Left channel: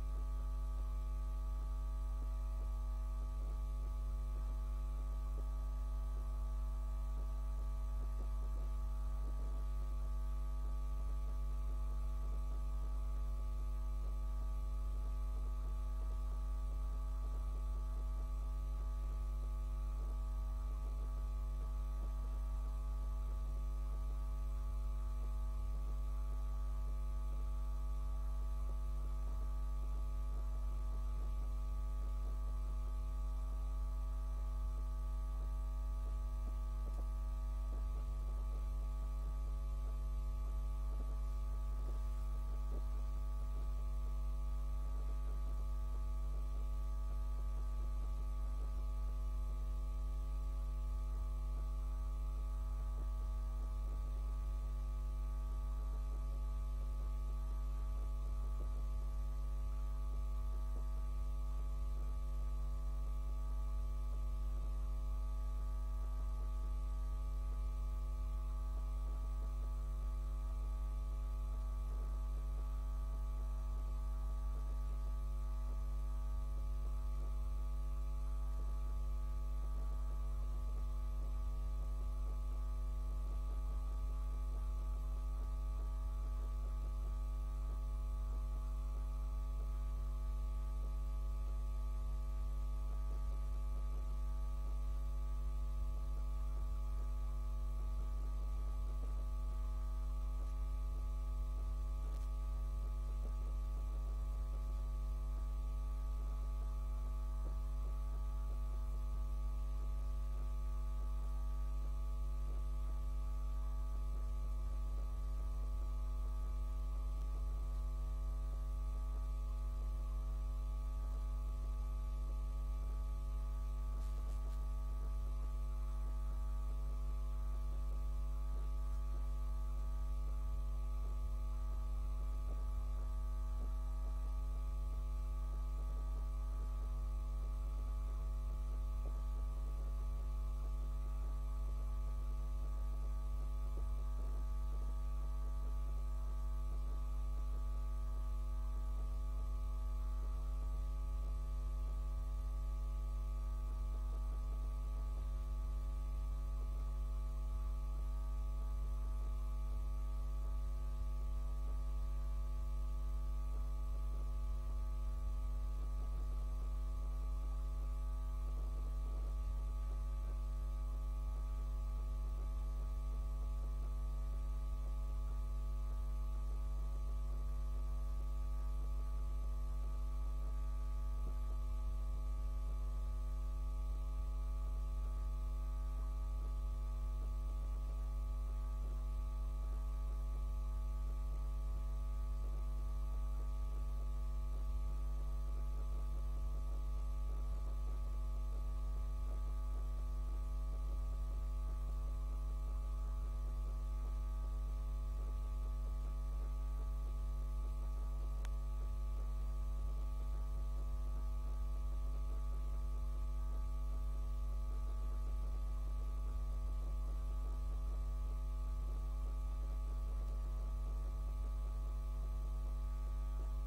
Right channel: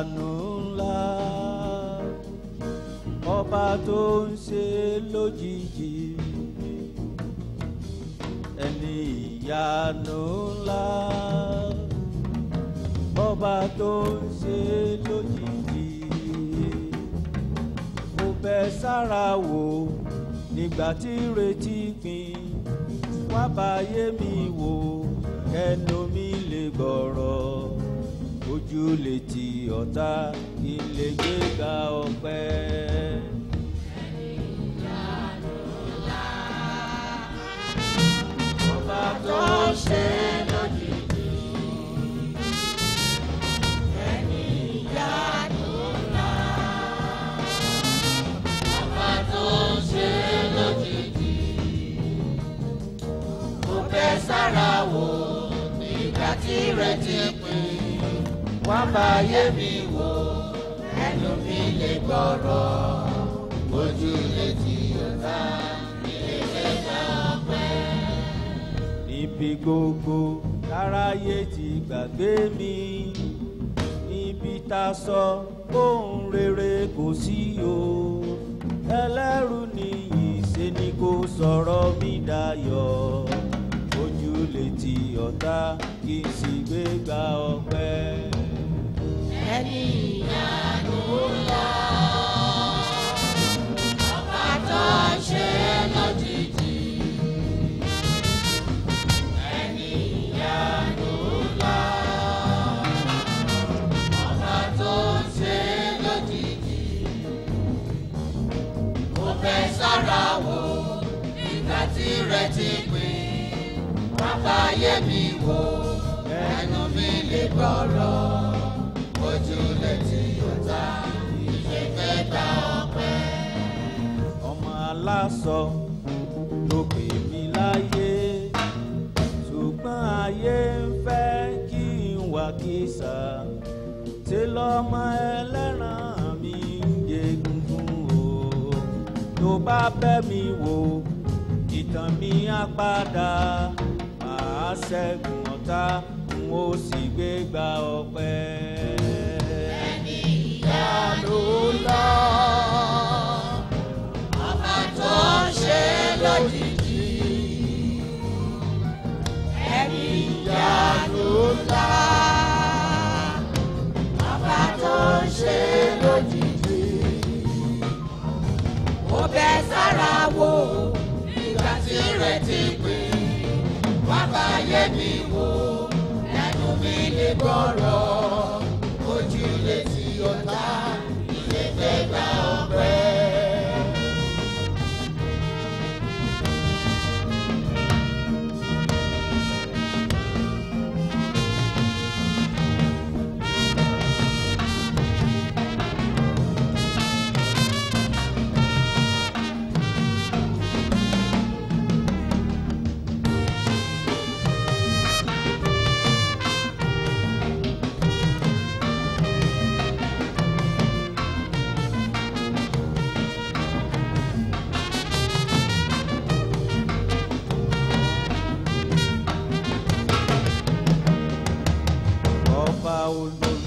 ìyanu ńlá, ọba tó ń ṣe lójijì, ẹni ìyanu ńlá, ọba tó ń ṣe lójijì. Mo bẹ̀ sára wò nígbà tí retí pin, wá báyé mi wò kẹ́nu mi lè gbọ́rọ̀, ojú lè ti ọ̀tá kí n lè gbéga ọpẹ́. Ọba tó ń ṣe lójijì, ẹni ìyanu ńlá, ọba tó ń ṣe lójijì. Mo bẹ̀ sára wò nígbà tí retí pin, wá báyé mi wò ẹnu mi lè gbọ́rọ̀, ojú lè ti ọ̀tá ilé gbéga ọpẹ́. Níbi gbogbo táráyé ti gbàgbé mi, níbi tá a sọ ohun rere kò sí o, ẹlẹ́rù nìyí ṣe ni kò sọ̀rọ̀ mi dayọ̀, ojú lè ti ọ̀tá kì í sì gbéga ọpẹ́. Ẹni ìyanu ńlá, ọba tó ń ṣe lójijì, ẹni ìyanu ńlá, ọba tó ń ṣe lójijì. Mo bẹ̀ sára wò nígbà tí retí pin, wá báyé mi wò ẹnu mi lè gbọ́rọ̀, ojú lè ti ọ̀tá ìṣe gbéga ọpẹ́. Ọmọ aláṣọ ló pè mí láyé, ṣùgbọ́n ayé ń fẹ́ kí n wà kìsà, ṣe lọ́mọ ẹlẹ́ran mi ń jẹ gungun o. Tó bá bẹ́ mi wò ìtàn mi á padà, màá ṣẹ́gun ọ̀tá n ó sì gbéga ọpẹ́. Ẹni ìyanu ńlá, ọba tó ń ṣe lójijì, ẹni ìyanu ńlá, ọba tó ń ṣe lójijì. Mo bẹ̀ sára wò nígbà tí retí pin, wá báyé mi wò ẹnu mi lè gbọ́rọ̀, ojú lè ti ọ̀tá ilé gbéga ọpẹ́.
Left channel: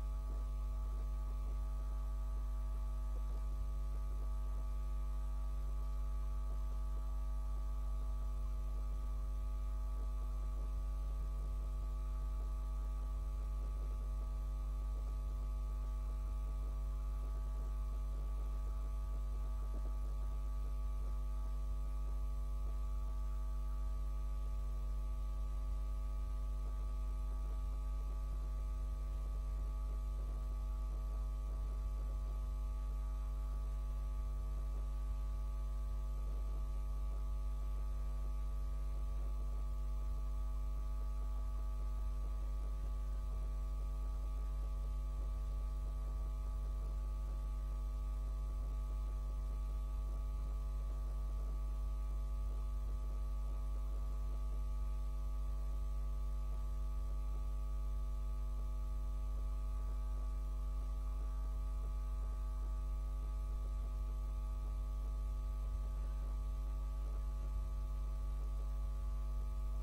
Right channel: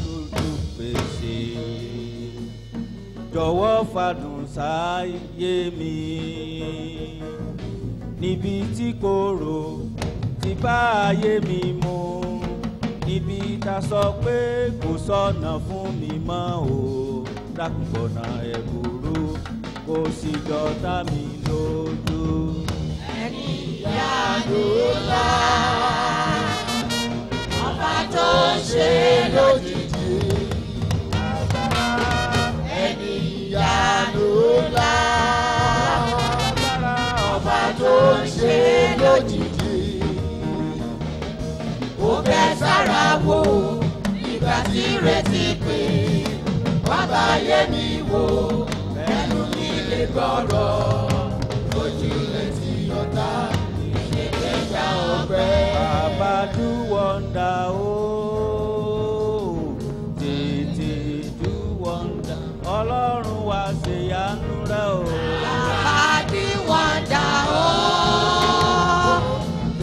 Olólùpèsè, jọ̀wọ́ fàdùn sáyé mi, níbi tí korò ti bá ayé mi mu, níbi tá sọ pé kò sọ̀nà fún mi mọ́ o, dákùnbọ̀nà ẹ̀bùrú kò sì jọ̀tá mi lójú. Ẹni ìyanu ńlá, ọba tó ń ṣe lójijì, ẹni ìyanu ńlá, ọba tó ń ṣe lójijì. Mo bẹ̀ sára wò nígbà tí retí pin, wá báyé mi wò ẹnu mi lè gbọ́rọ̀, ojú lè ti ọ̀tá ìṣe gbéga ọpẹ́. Baba do wonder, oh, tètè do wonder, Ọlọ́run wá ṣe àánú rẹ̀ o. Baba do wonder, oh,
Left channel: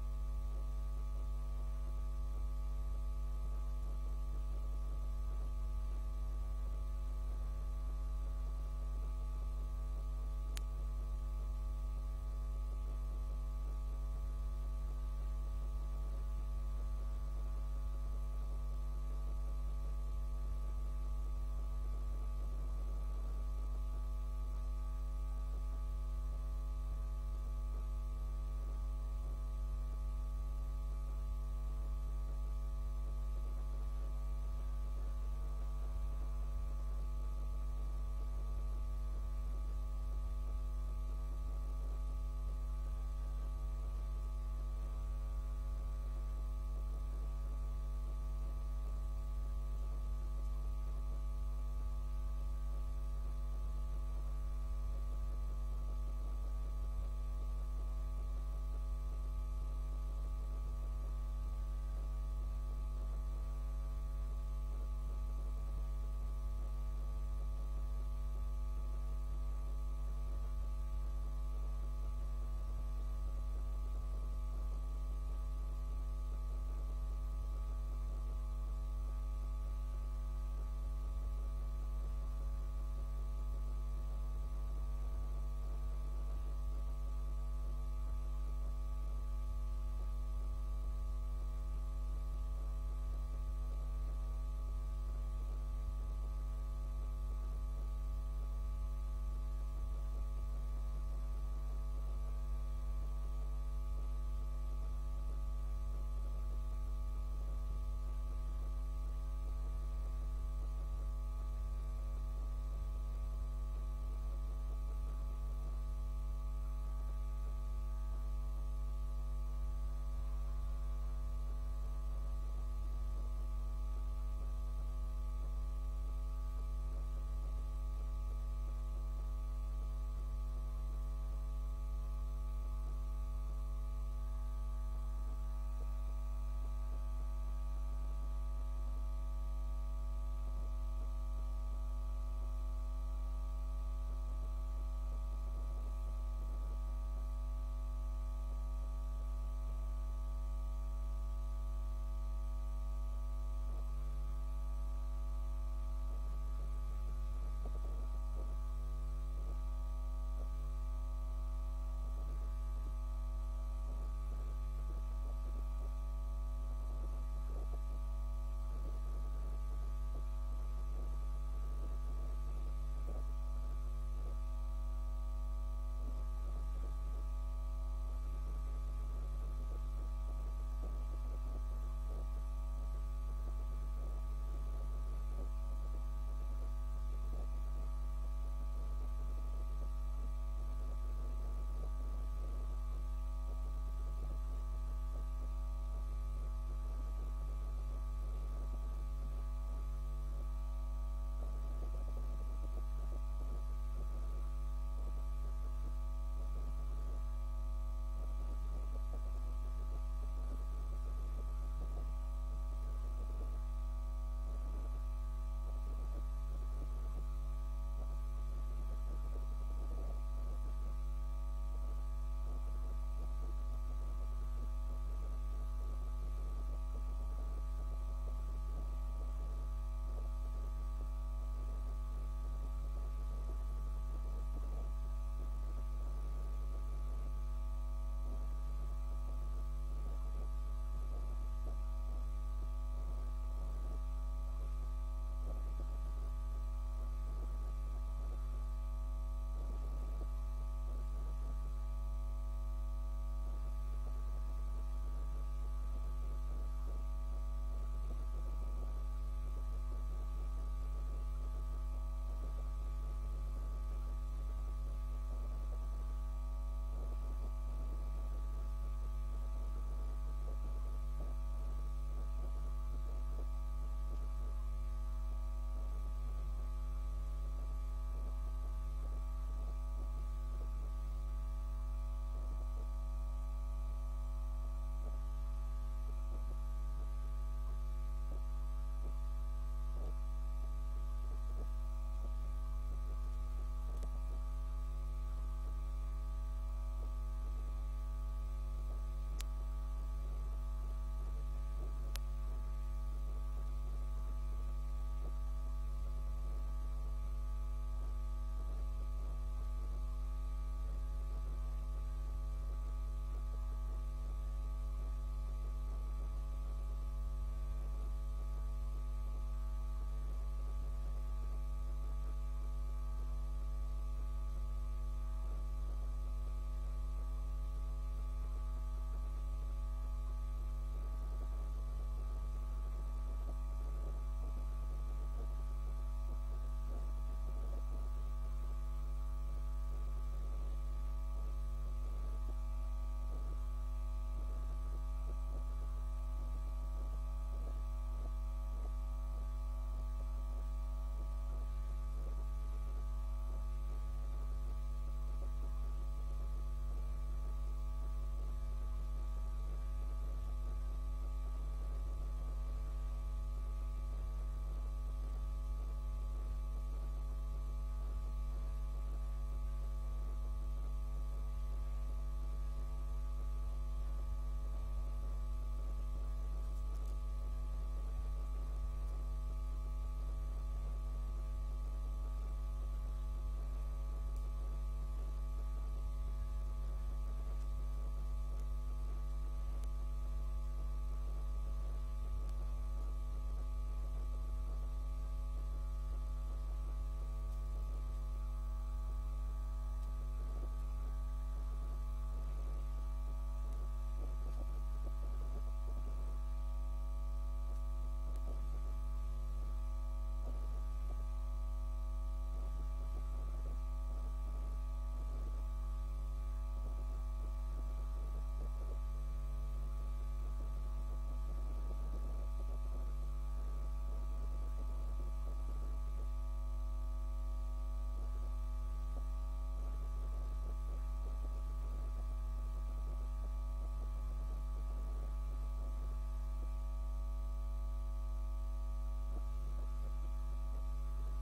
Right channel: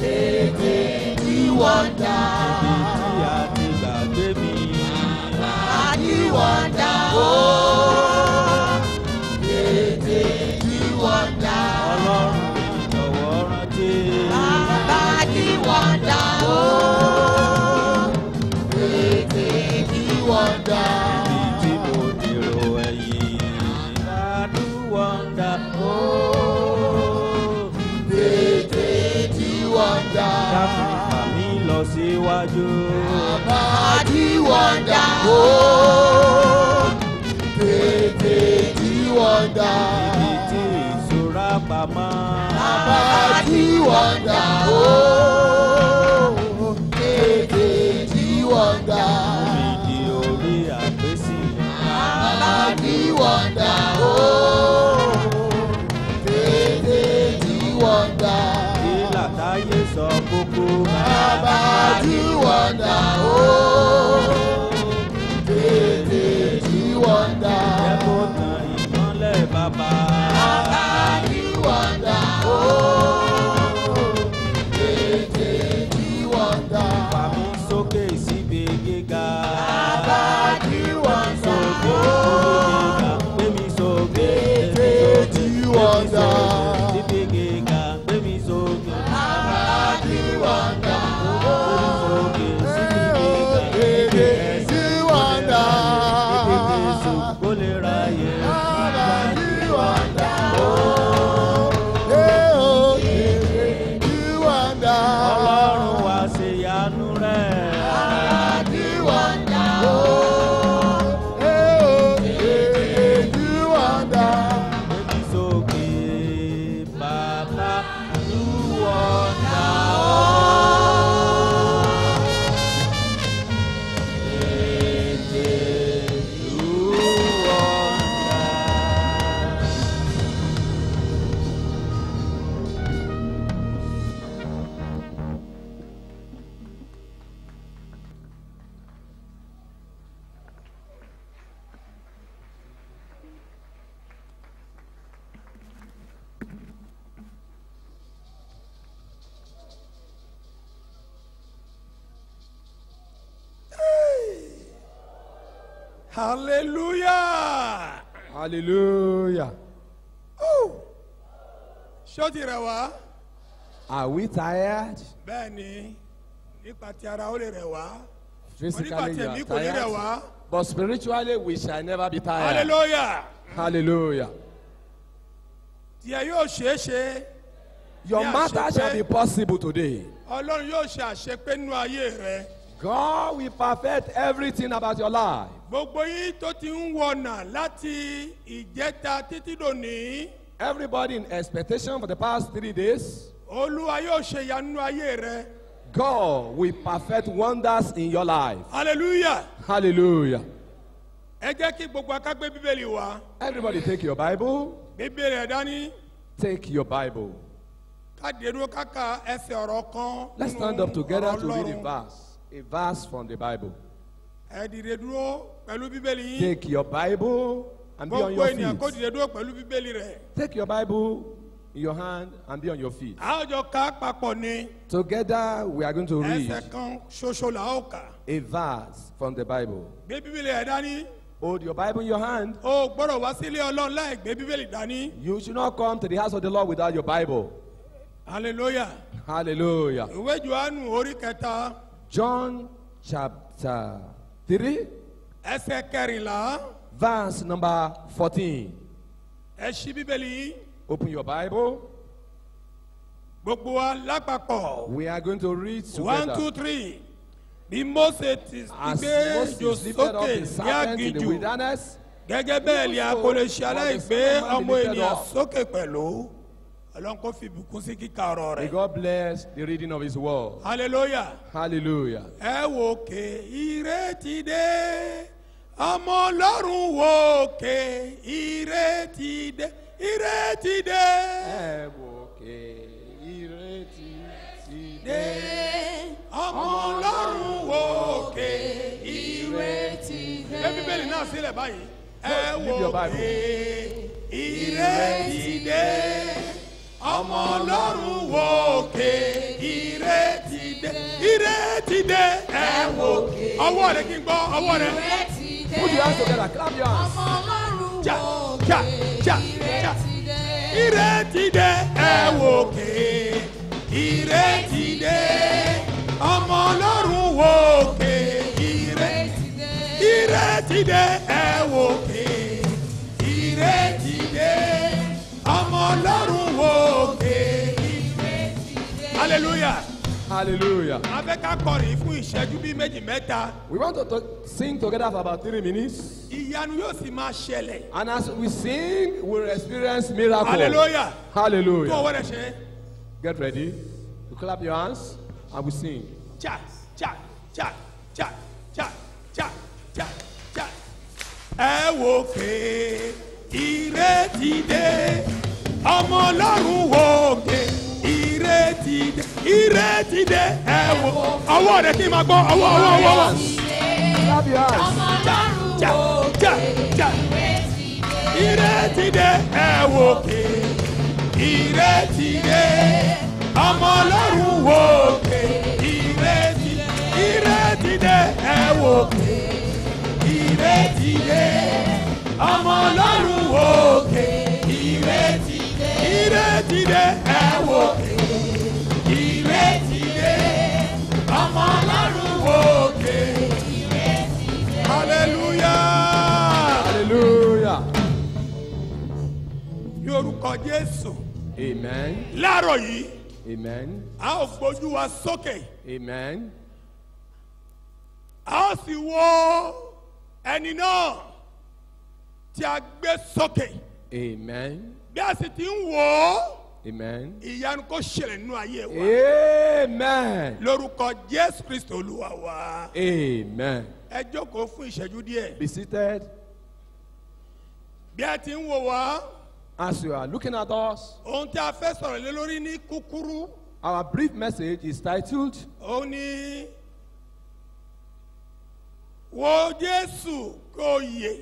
tètè do wonder. Ibi tí a ti gbàgbé mi. Baba do wonder. síwájú. Bàbá di wọ́ndà. Oh, tètè di wọ́ndà. Ibi tí ìṣúra pamọ́. Bàbá di wọ́ndà. Oh, tètè di wọ́ndà. Ìdí orí àgbésílẹ̀. Bàbá di wọ́ndà. Oh, tètè di wọ́ndà. Kí làtáyé sọ kókó. Bàbá di wọ́ndà. Oh, tètè di wọ́ndà. Jẹ́ kó tan ìmọ́lẹ̀ bàbá. Bàbá di wọ́ndà. Oh, tètè di wọ́ndà. Fà mí sókè síbi gíga. Bàbá di wọ́ndà. Gbé mi sókè. Tètè di wọ́ndà. Síbi gíga. Gbé mi sókè. Bàbá di wọ́ndà. Sókè síbi gíga. Tètè di wọ́ndà. Jésù kó lè ráyè. Bàbá di wọ́ndà. Oh, tètè di wọ́ndà. Ọlọ́run wá ṣe ìyanu rẹ̀. Bàbá di wọ́ndà. Oh, tètè di wọ́ndà. Gbé mi sókè. Bàbá do wonder. Hallelujah. Hallelujah. Ṣó ti rẹ̀ wá? Are we tired? Bẹ́ẹ̀ni, nípa ti ara ó lè rẹ̀ wá. Physically, Onípa you tẹ̀mí are kò ní rẹ̀ tired. wá. But spiritually, we shall never be tired. Hallelujah. Hallelujah. Tiẹ̀ yóò ṣeé ṣe. Your Yeah, matter àṣepé. shall be possible today. Ọlọ́run yóò ṣe àṣepé nínú ayé rẹ. God will perfect everything about your life. Gbogbo yín tó ti ń wọ̀nà láti ìjẹta títí dòní. Everybody in expectation for the past 3 days, Olúwa yóò ṣe ìyanu nínú ayé rẹ. God will perfect wonders in your life. Hallelujah. Hallelujah. Ẹ jẹ́ kí gbogbo akágbé Bíbélì wá. Everybody take your Bible. Bíbélì ẹ̀ dání. Take your Bible. Káde dúró káka ẹsẹ̀ ọ̀rọ̀ kan. Let's nínú stand up together ọ̀rọ̀ to read a Ọlọ́run. verse. A verse from the Bible. Ẹ dìde dúró pẹ̀lú Bíbélì yín. Take your Bible and be on Gbogbo your ènìyàn kó feet. dìde dúró pẹ̀lú Bíbélì rẹ̀. Take your Bible in your hand and be on your feet. A ó jọ ká papọ̀ ni. Together we are going to read Ẹsẹ̀ kan ṣoṣo là ó kà. a verse from the Bible. Gbé Bíbélì ẹ̀ dání. Hold your Bible in your hand. O gbọ́dọ̀ wá sílé Ọlọ́run láì gbé Bíbélì dání. You should not come to the house of the Lord without your Bible. Hallelujah. Hallelujah. Ìwé Jòhánù orí kẹta. John chapter 3, Ẹsẹ̀ kẹrìnlá. verse number 14. Ẹ ṣí Bíbélì yín. Open your Bible. Gbogbo wa lápapọ̀. We are going to read 1, together. 2, 3. Bí Mósè ti As gbé Moses ejò lifted up sókè the ní serpent in the aginjù. wilderness, Gẹ́gẹ́ bẹ́ẹ̀ ni a kò lè ṣe aláìgbé ọmọ ènìyàn sókè pẹ̀lú. Ọlọ́run kò fi ìbùkún sí kíkà ọ̀rọ̀ may rẹ̀. God bless the reading of His word. Hallelujah. Hallelujah. Ẹ wò ké ìrètí dé. Ọmọ Ọlọ́run wò ké ìrètí dé. Ìrètí dé. Ẹ wò ké ìrètí ti dé. Ọmọ Ọlọ́run wò ké ìrètí dé. Gbé Bíbélì náà sílẹ̀ báyìí. Ẹ Leave your wò Bible. ké ìrètí dé. Ọmọ Ọlọ́run wò ké ìrètí dé. Ìrètí dé. Ẹ wò ké. Ọwọ́ rẹ̀ kí n gbọ́ ọwọ́ rẹ̀. Put your hands together. Clap your hands. Ja, ja, ja, ja. Ìrètí dé. Ẹ wò ké ìrètí dé. Ọmọ Ọlọ́run wò ké ìrètí dé. Ìrètí dé. Ẹ wò ké ìrètí dé. Ọmọ Ọlọ́run wò ké ìrètí dé. Hallelujah. Hallelujah. a fẹ́ ká kọrin fún ìṣẹ́jú bíi méjì mẹ́ta. We want to sing together for about 3 minutes. Ìyanu yóò sì máa ṣẹlẹ̀. And as we sing, we'll experience miracles. Hallelujah. Tó Hallelujah. ọwọ́ rẹ̀ ṣe. Get ready. You clap your hands and we sing. Cha cha cha cha cha cha cha cha. Ẹ wò ké ìrètí dé, ọmọ Ọlọ́run wò ké ìrètí dé, ìrètí dé. Ẹ wò ọwọ́ rẹ̀ kí n máa gbọ́ ọwọ́. Clap your hands. Cha cha cha. Ìrètí dé, ẹ wò ké ìrètí dé, ọmọ Ọlọ́run wò ké ìrètí dé, ẹ wò ké ìrètí dé, ọmọ Ọlọ́run wò ké ìrètí dé, ẹ wò ké ìrètí dé, ọmọ Ọlọ́run wò ké ìrètí dé. Hallelujah. Hallelujah. Ní orúkọ Jésù. Amen. Láàárọ̀ yìí, Amen. a ó gbójú wa sókè. Amen. A ó sì wo ẹni náà tí a gbé sókè. Amen. Bí a sì ti ń wò ó, Amen. ìyanu kó ṣẹlẹ̀ nínú ayé wa. Amen. Lórúkọ Jésù Kristo Olúwa wa. Amen. Ẹ jókòó fún ìṣẹ́jú díẹ̀. Be seated. Bí a ti ń wò wá, As you are looking at us, ohun tí a fẹ́ sọ̀rọ̀ lé lórí ní kúkúrú, our brief message is titled, ó ní wo Jésù kó yè,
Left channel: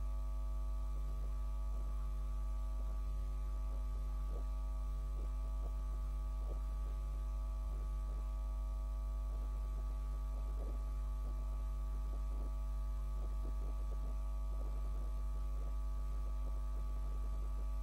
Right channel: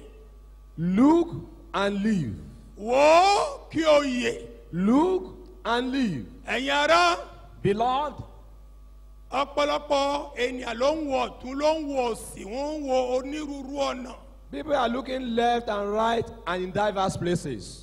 Look and Live. wò kí ó yè. Look and live. Ẹ̀yin ará, Beloved, ọ̀pọ̀lọpọ̀ ènìyàn ló ń wo ọ̀tún ló ń wo òsì, wọ́n ń wo onírúurú ọ̀nà. people are looking left and right and in diverse places.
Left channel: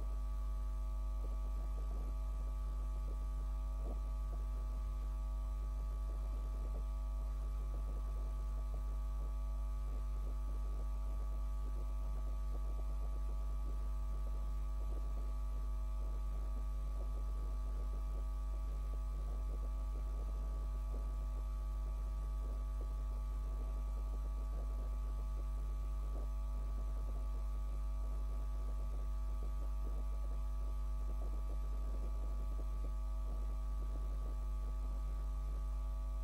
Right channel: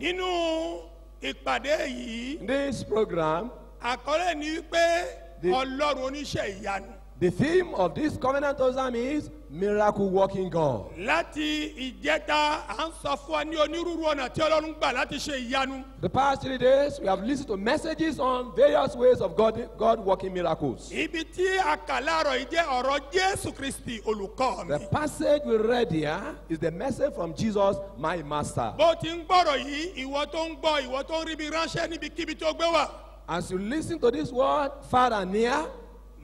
Nínú ìpàdé yìí, This program, àkọlé ni wípé The- Ọlọ́run oníṣẹ́ ìyanu. the theme of this covenant program is Miracle Working God. Láti ìjẹta, à ń sọ fún wa ní onírúurú ọ̀nà tí Ọlọ́run gbà láti ṣe ìyanu. The past 3 days, we have listened to messages on various ways of God working miracles. Ibi tí a kà láàárọ̀ yìí jẹ́ ọ̀rọ̀ Jésù Kristi olùkọ́ The mi. passage we read here is the message from Jesus, my master. Bó ti ń gbọ́rọ̀ yìí, ìwọ tó ń gbọ́, ìwọ tó ń rí mi ránṣẹ́ níbikíbi tó gbé wà. As you listen to this word, far and near,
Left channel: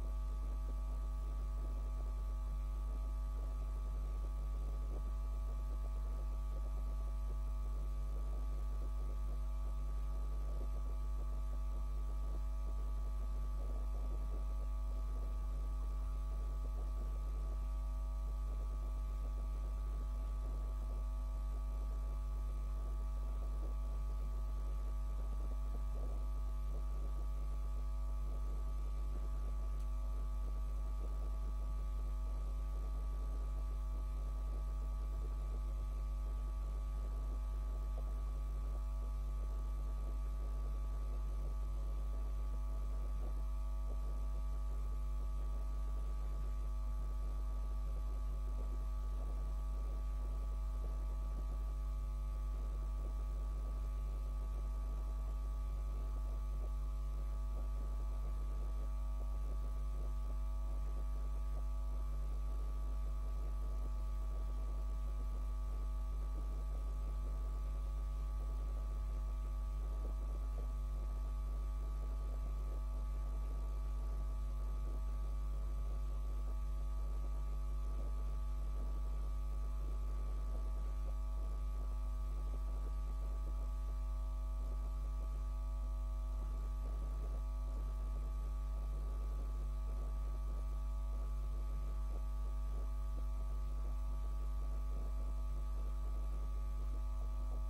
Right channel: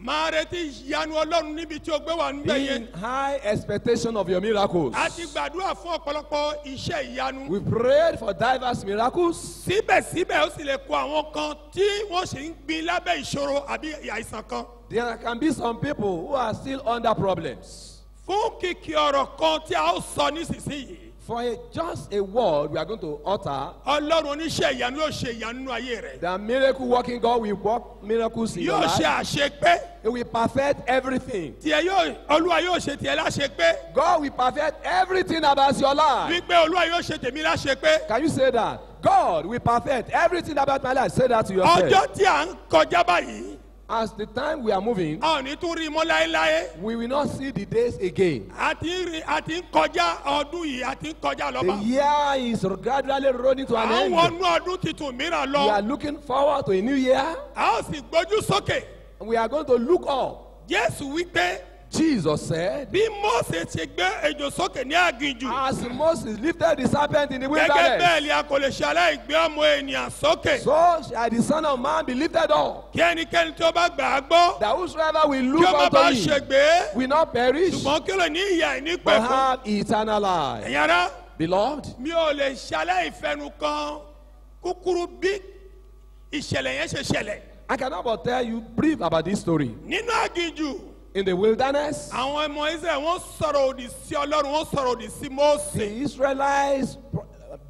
Máa retí ìyanu Ọlọ́run níbi tí ó gbé wà níbẹ̀ be yẹn. in high expectation of your miracles. A ti gbàdúrà fún ọ̀pọ̀lọpọ̀ iṣẹ́ ìyanu. We prayed for diverse miracles. Síbẹ̀síbẹ̀ ó sì lè kó àwọn kan tí wọ́n sì ń gbin lábẹ́ ìṣòro àbí àìsàn kan. There can be some people who are still under problems. Fún kìkì ọ̀rọ̀ kan tí a ó sọ nísinsìnyí, For just a word we are going to utter, Ọlọ́run oníṣẹ́ ìyanu yóò ṣe ìyanu nínú ayé rẹ̀. the miracle working God will work miracles in your Yóò ṣe life. àṣepé. He will perfect everything. Olúwa yóò ṣe tiẹ̀ láṣepé. God will perfect everything about your life. Wípé Olúwa yóò ṣe tèmi láṣepé. Can you say that? God will perfect everything about my life. Say that to yourself. Ọjọ́ tí à ń kọjá báyìí, As the time we are moving, a ò ní tún rí i mọ́ láéláé. we will not see the days again. A ti ń kọjá ọdún yìí, a ti ń kọjá The lọ́ba. year is gradually running to an À ń end. wọnú ọdún tuntun mìíràn We are lọ. looking forward to a new year. A ó sì gbójú sókè. We are going to look up. Jésù wípé Jesus said, bí Mósè ti gbé ejò sókè ní aginjù, as Moses lifted the serpent in the gẹ́gẹ́ wilderness, bẹ́ẹ̀ ni a kò lè ṣe aláìgbé ọmọ ènìyàn sókè. so shall the Son of Man be lifted up, Kí ẹnikẹ́ni tí ó bá gbà á gbọ́, that whosoever will kí look ó má unto bàa him ṣègbé, will not perish, ṣùgbọ́n kí ó lè ní ìyà but ìnípẹ̀kun. have eternal life. Ẹ̀yin ará, Beloved, mi ò lè ṣe aláìfẹnu kan kúkúrú bí ìṣẹ̀lẹ̀ yẹn ṣe ṣẹlẹ̀. I cannot but tell you brief about this story. Nínú aginjù, In the wilderness, àwọn ọmọ Israẹli wọ́n sọ̀rọ̀ òdì sí Ọlọ́run, wọ́n sọ̀rọ̀ òdì sí Mósè. the Israelites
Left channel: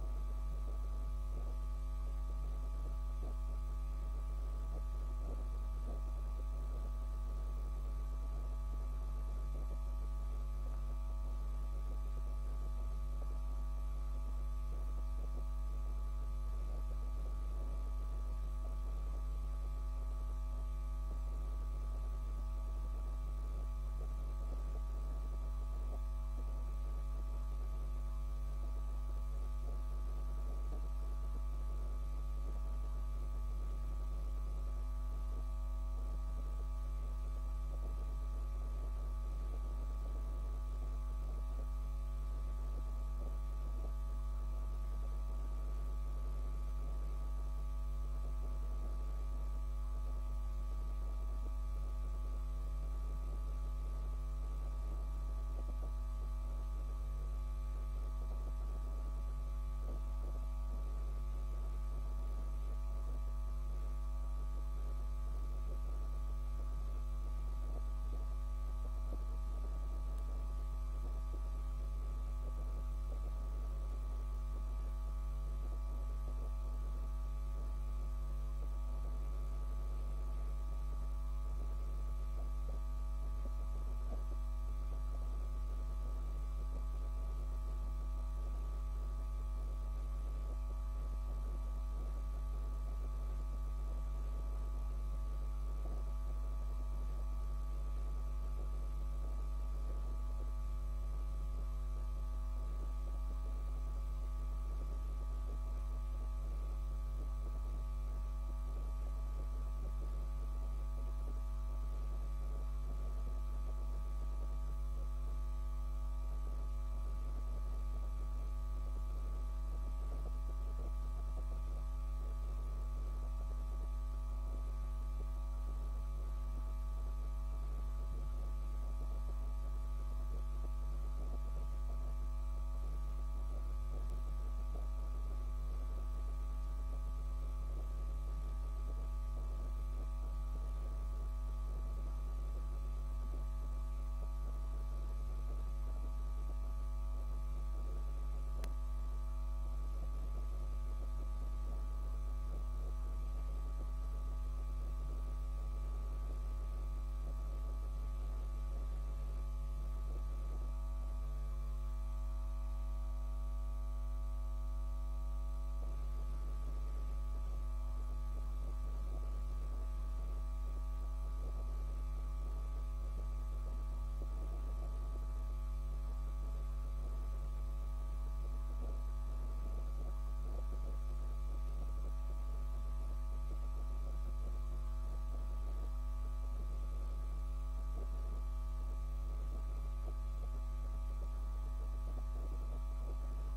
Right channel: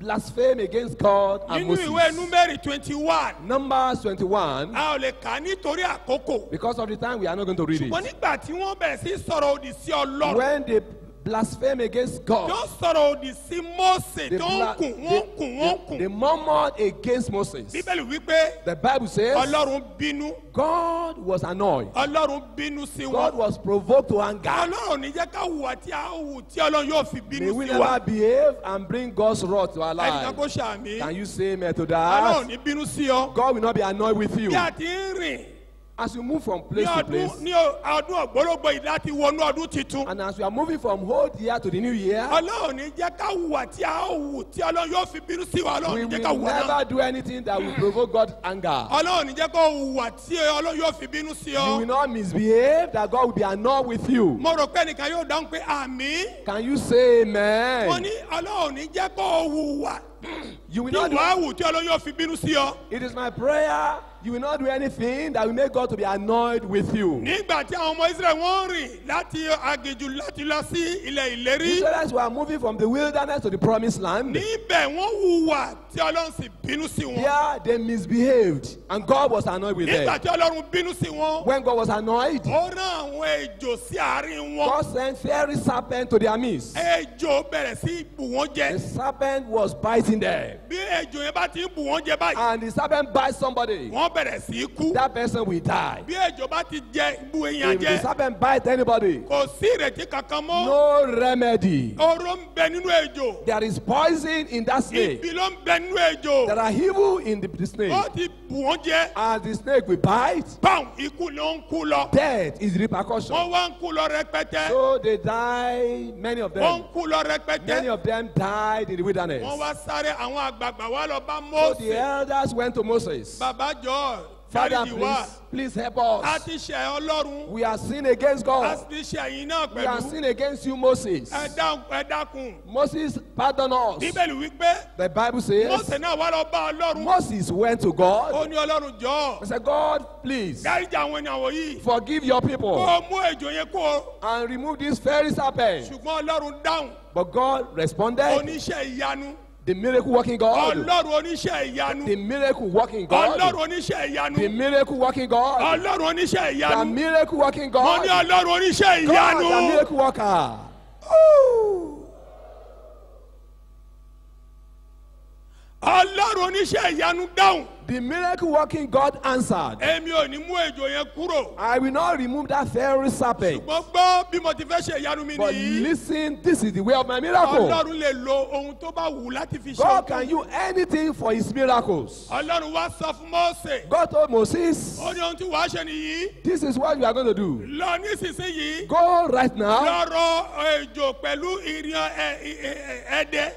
blaspheme against God and Nínú ìwé Moses. Númérì 21, Numbers 21, a ò lè kà á nítorí àkókò. because of the time we are not going to read Ṣùgbọ́n it. nígbà tí wọ́n bẹ̀rẹ̀ sí sọ̀rọ̀ òdì sí Ọlọ́run, When they blaspheme against God. tó sọ̀rọ̀ òdì sí Mósè They, tó ń bla- kùn wọ́n kùn wọ́n kùn. they murmured against Moses. Bíbélì wípé The Bible says Ọlọ́run bínú. God was annoyed. Ọlọ́run bínú sí God wọn. was provoked to anger. Ọlọ́run ní jẹ́ ká hùwà tí a hù tí Ọlọ́run yóò fi May bínú we sí wa. never behave and bring God's wrath to our Ẹnìkan lives. kó ṣàmì. Can you say amen to Ọlọ́run that? ní bínú sí ọ. God will not be annoyed with you. Bí a ti ń rìn As you move from ní place to place, ọdún ògbólógbò yìí láti wọnú ọdún titun. and as we are moving from old year to the new year, Ọlọ́run ní jẹ́ ká hùwà tí a hù tí Ọlọ́run yóò fi bínú sí wa. we Ọlọ́run ní jẹ́ ká will hùwà náà. never do anything that will provoke God's anger. Ọlọ́run ní jẹ́ kó hùwà tí Ọlọ́run yóò fi bínú sí You will ọ. not misbehave, that God will be annoyed with you. Mo rò pé ẹnìkan yóò dáhùn pé àmì. Can you say Wọ́n amen? ní Ọlọ́run ní jẹ́ kó hùwà You will tí not do, wàá hù tí Ọlọ́run yóò fi bínú sí ọ. it is my prayer, you will not do anything that will make God to be annoyed with you. Nígbà tí àwọn ọmọ Israẹli wọ́n rìn láti aginjù láti lọ sí ilẹ̀ The ìlérí. Israelites were moving from the wilderness to the promised land. Níbẹ̀ wọ́n hùwà tí Ọlọ́run sì bínú sí wọn. Here they misbehaved and God was annoyed with Nígbà them. tí Ọlọ́run bínú sí wọn, When God was annoyed, ó rán àwọn ejò sí àárín wọn. God sent fiery serpent to their midst. Ejò bẹ̀rẹ̀ sí bù wọ́n The jẹ. serpent was biting them. Bí ejò yẹn bá ti ń bù wọ́n jẹ báyìí, And the serpent bites somebody. wọ́n bẹ̀rẹ̀ sí kú. That person will die. Bí ejò bá ti jẹ bu èèyàn If the jẹ, serpent bites anybody, kò sí ìrètí kankan mọ́. no remedy. Oró ń bẹ nínú ejò. There is poison in that snake. Ibi ló ń bẹ nínú ejò. There are evil in the snake. Ó ti bù wọ́n jẹ. As the snake will bite, Báwọn ikú ló ń kú lọ. death is the repercussion. Wọ́n wá ń kú lọ rẹpẹtẹ. So they die, many of Wọ́n them. ń kú lọ Many rẹpẹtẹ. of them died in the wilderness. Wọ́n wá sáré àwọn àgbààgbà wá lọ bá So the Mósè. elders went to Moses. Bàbá jọ Father, dáríjì wá. please help A us. ti ṣẹ̀ Ọlọ́run. We are sin against A God. ti ṣẹ̀ yín náà We are pẹ̀lú. sin against you, Moses. Ẹ dákun. Moses, pardon us. Bíbélì wípé The Bible says Mósè náà wá lọ bá Ọlọ́run. Moses went to God. Ó ní Ọlọ́run jọ. He said, God, please Dáríjì àwọn ènìyàn wọ̀nyí. forgive your Kó people o mú ejò yẹn kó o. and remove this fiery serpent. Ṣùgbọ́n Ọlọ́run dáhùn. But God responded, Oníṣẹ́ ìyanu. the miracle working God, Ọlọ́run oníṣẹ́ ìyanu. the miracle working God, Ọlọ́run oníṣẹ́ the ìyanu. miracle working God, Ọlọ́run oníṣẹ́ the ìyanu. miracle working Mo God, ní Ọlọ́run oníṣẹ́ God, the ìyanu. miracle worker. Ooh. Ọlọ́run oníṣẹ́ ìyanu dáhùn. The miracle working God answered, Èmi ò ní mú ejò yẹn kúrò. I will not remove that fiery serpent. Ṣùgbọ́n gbọ́ bí mo ti fẹ́ ṣe ìyanu mi But nìyí. listen, this is the way of my miracle. Ọlọ́run lè lo ohun tó bá wù láti fi ṣe God òkú. can use anything for his miracles. Ọlọ́run wá sọ fún Mósè. God told Moses, Ó ní ohun tí wàá ṣe nìyí. this is what you are going to do. Lọ nísinsìnyí. Go right now. Lọ́rọ̀ ejò pẹ̀lú ìrìn ẹ̀dẹ̀.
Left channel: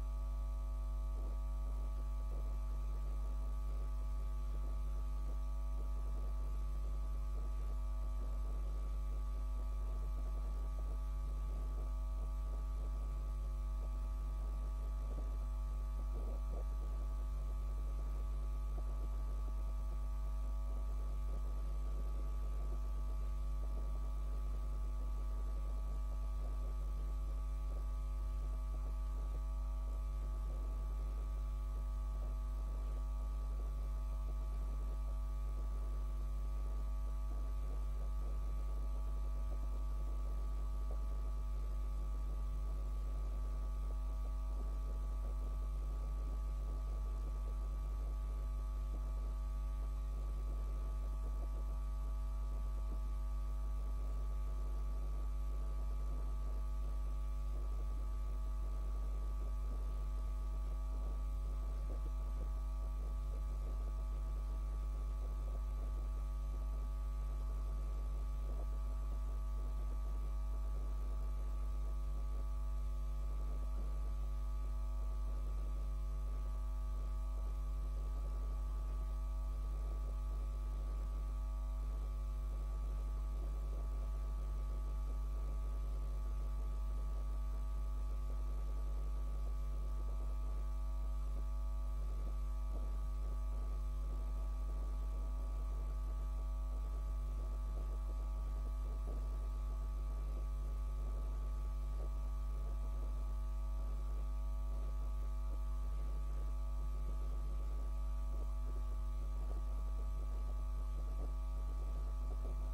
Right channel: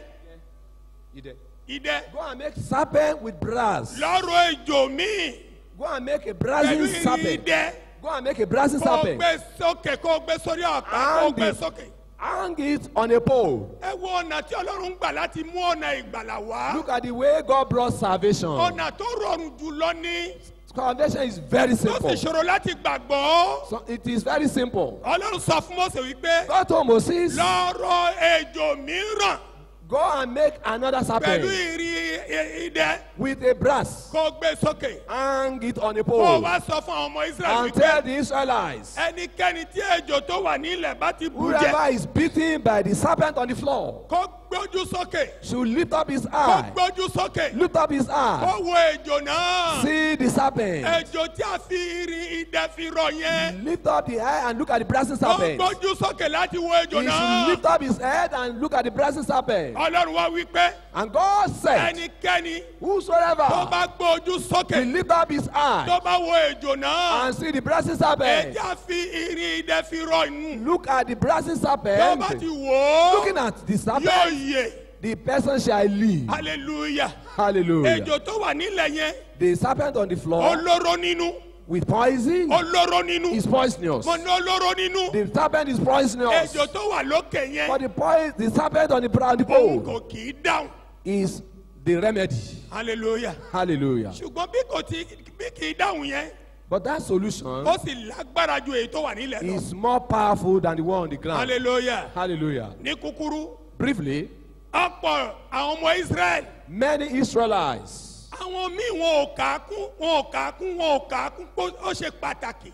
Idẹ. Go and make serpent with brass. Lọ́rọ̀ ejò míì. Go and make a Pẹ̀lú brazen ìrìn serpent. idẹ. Go and make a brazen Kó o serpent. gbé sókè kó o gbé sórí ọ̀pá kó o And gbé the- sókè. Hang it on a pole. Ẹ wo ọ̀nà tí Ọlọ́run gbà láti mú ọ̀nà ìgbàlà wá. Look at the way God brought salvation. Ọ̀nà tó rọrùn jùlọ ní. Salvation is very Tó simple. sì ṣòro láti gbàgbọ́. So it is very simple. Ọlọ́run sọ fún Mósè wípé. God told Moses, Lọ́rọ̀ ejò mìíràn. go and make another Pẹ̀lú serpent ìrìn idẹ. with a brass. Kó o gbé sókè. Hang it on a Kó o pole. wá sọ fún àwọn ọmọ Ísírẹ́lì And wípé. tell the Israelites, Ẹnikẹ́ni tí ejò tó wà nílẹ̀ bá ti bù jẹ. whoever is beaten by the serpent on the floor Kó gbójú sókè. should lift up his Kó eye. gbójú sókè. Lift up his eye. Kó wo ejò náà. See the serpent. Ejò tí a fi irin idẹ fi rọ yẹn. Lift up the eye and look at the brazen Kó serpent. gbójú sókè láti wo He ejò should náà. lift up his head and look at the brazen serpent. Ọlọ́run wá wí pé And God said, ẹnikẹ́ni tó whosoever bá gbójú will sókè lift up his eye tó bá wo ejò náà. and see the brazen serpent, Ẹja fi irin idẹ fi rọ inú. look at the brazen Tó serpent, bá ti wò ó. looking at the Yóò serpent, yè. the person shall live. Hallelujah. Hallelujah. Ejò tó wà nílẹ̀ yẹn. The serpent on the floor Olóró nínú. with poison Olóró nínú. is poisonous. Mo ní olóró nínú. The serpent is poisonous. Ejò tó wà lókè yẹn. But the serpent on the Òun pole kò kì í dáhùn. is the remedy. Hallelujah. Hallelujah. Ṣùgbọ́n bí kì í dáhùn yẹn. But that solution Ó sì lágbára ju èyí tó wà nílẹ̀ lọ. is more powerful than the one on the ground. Hallelujah. Hallelujah. Ní kúkúrú. Briefly, Ọ̀pọ̀ àwọn ọmọ Israẹli. many Israelites, Àwọn míì wọn ò kà á kún pé ó ṣe pàtàkì.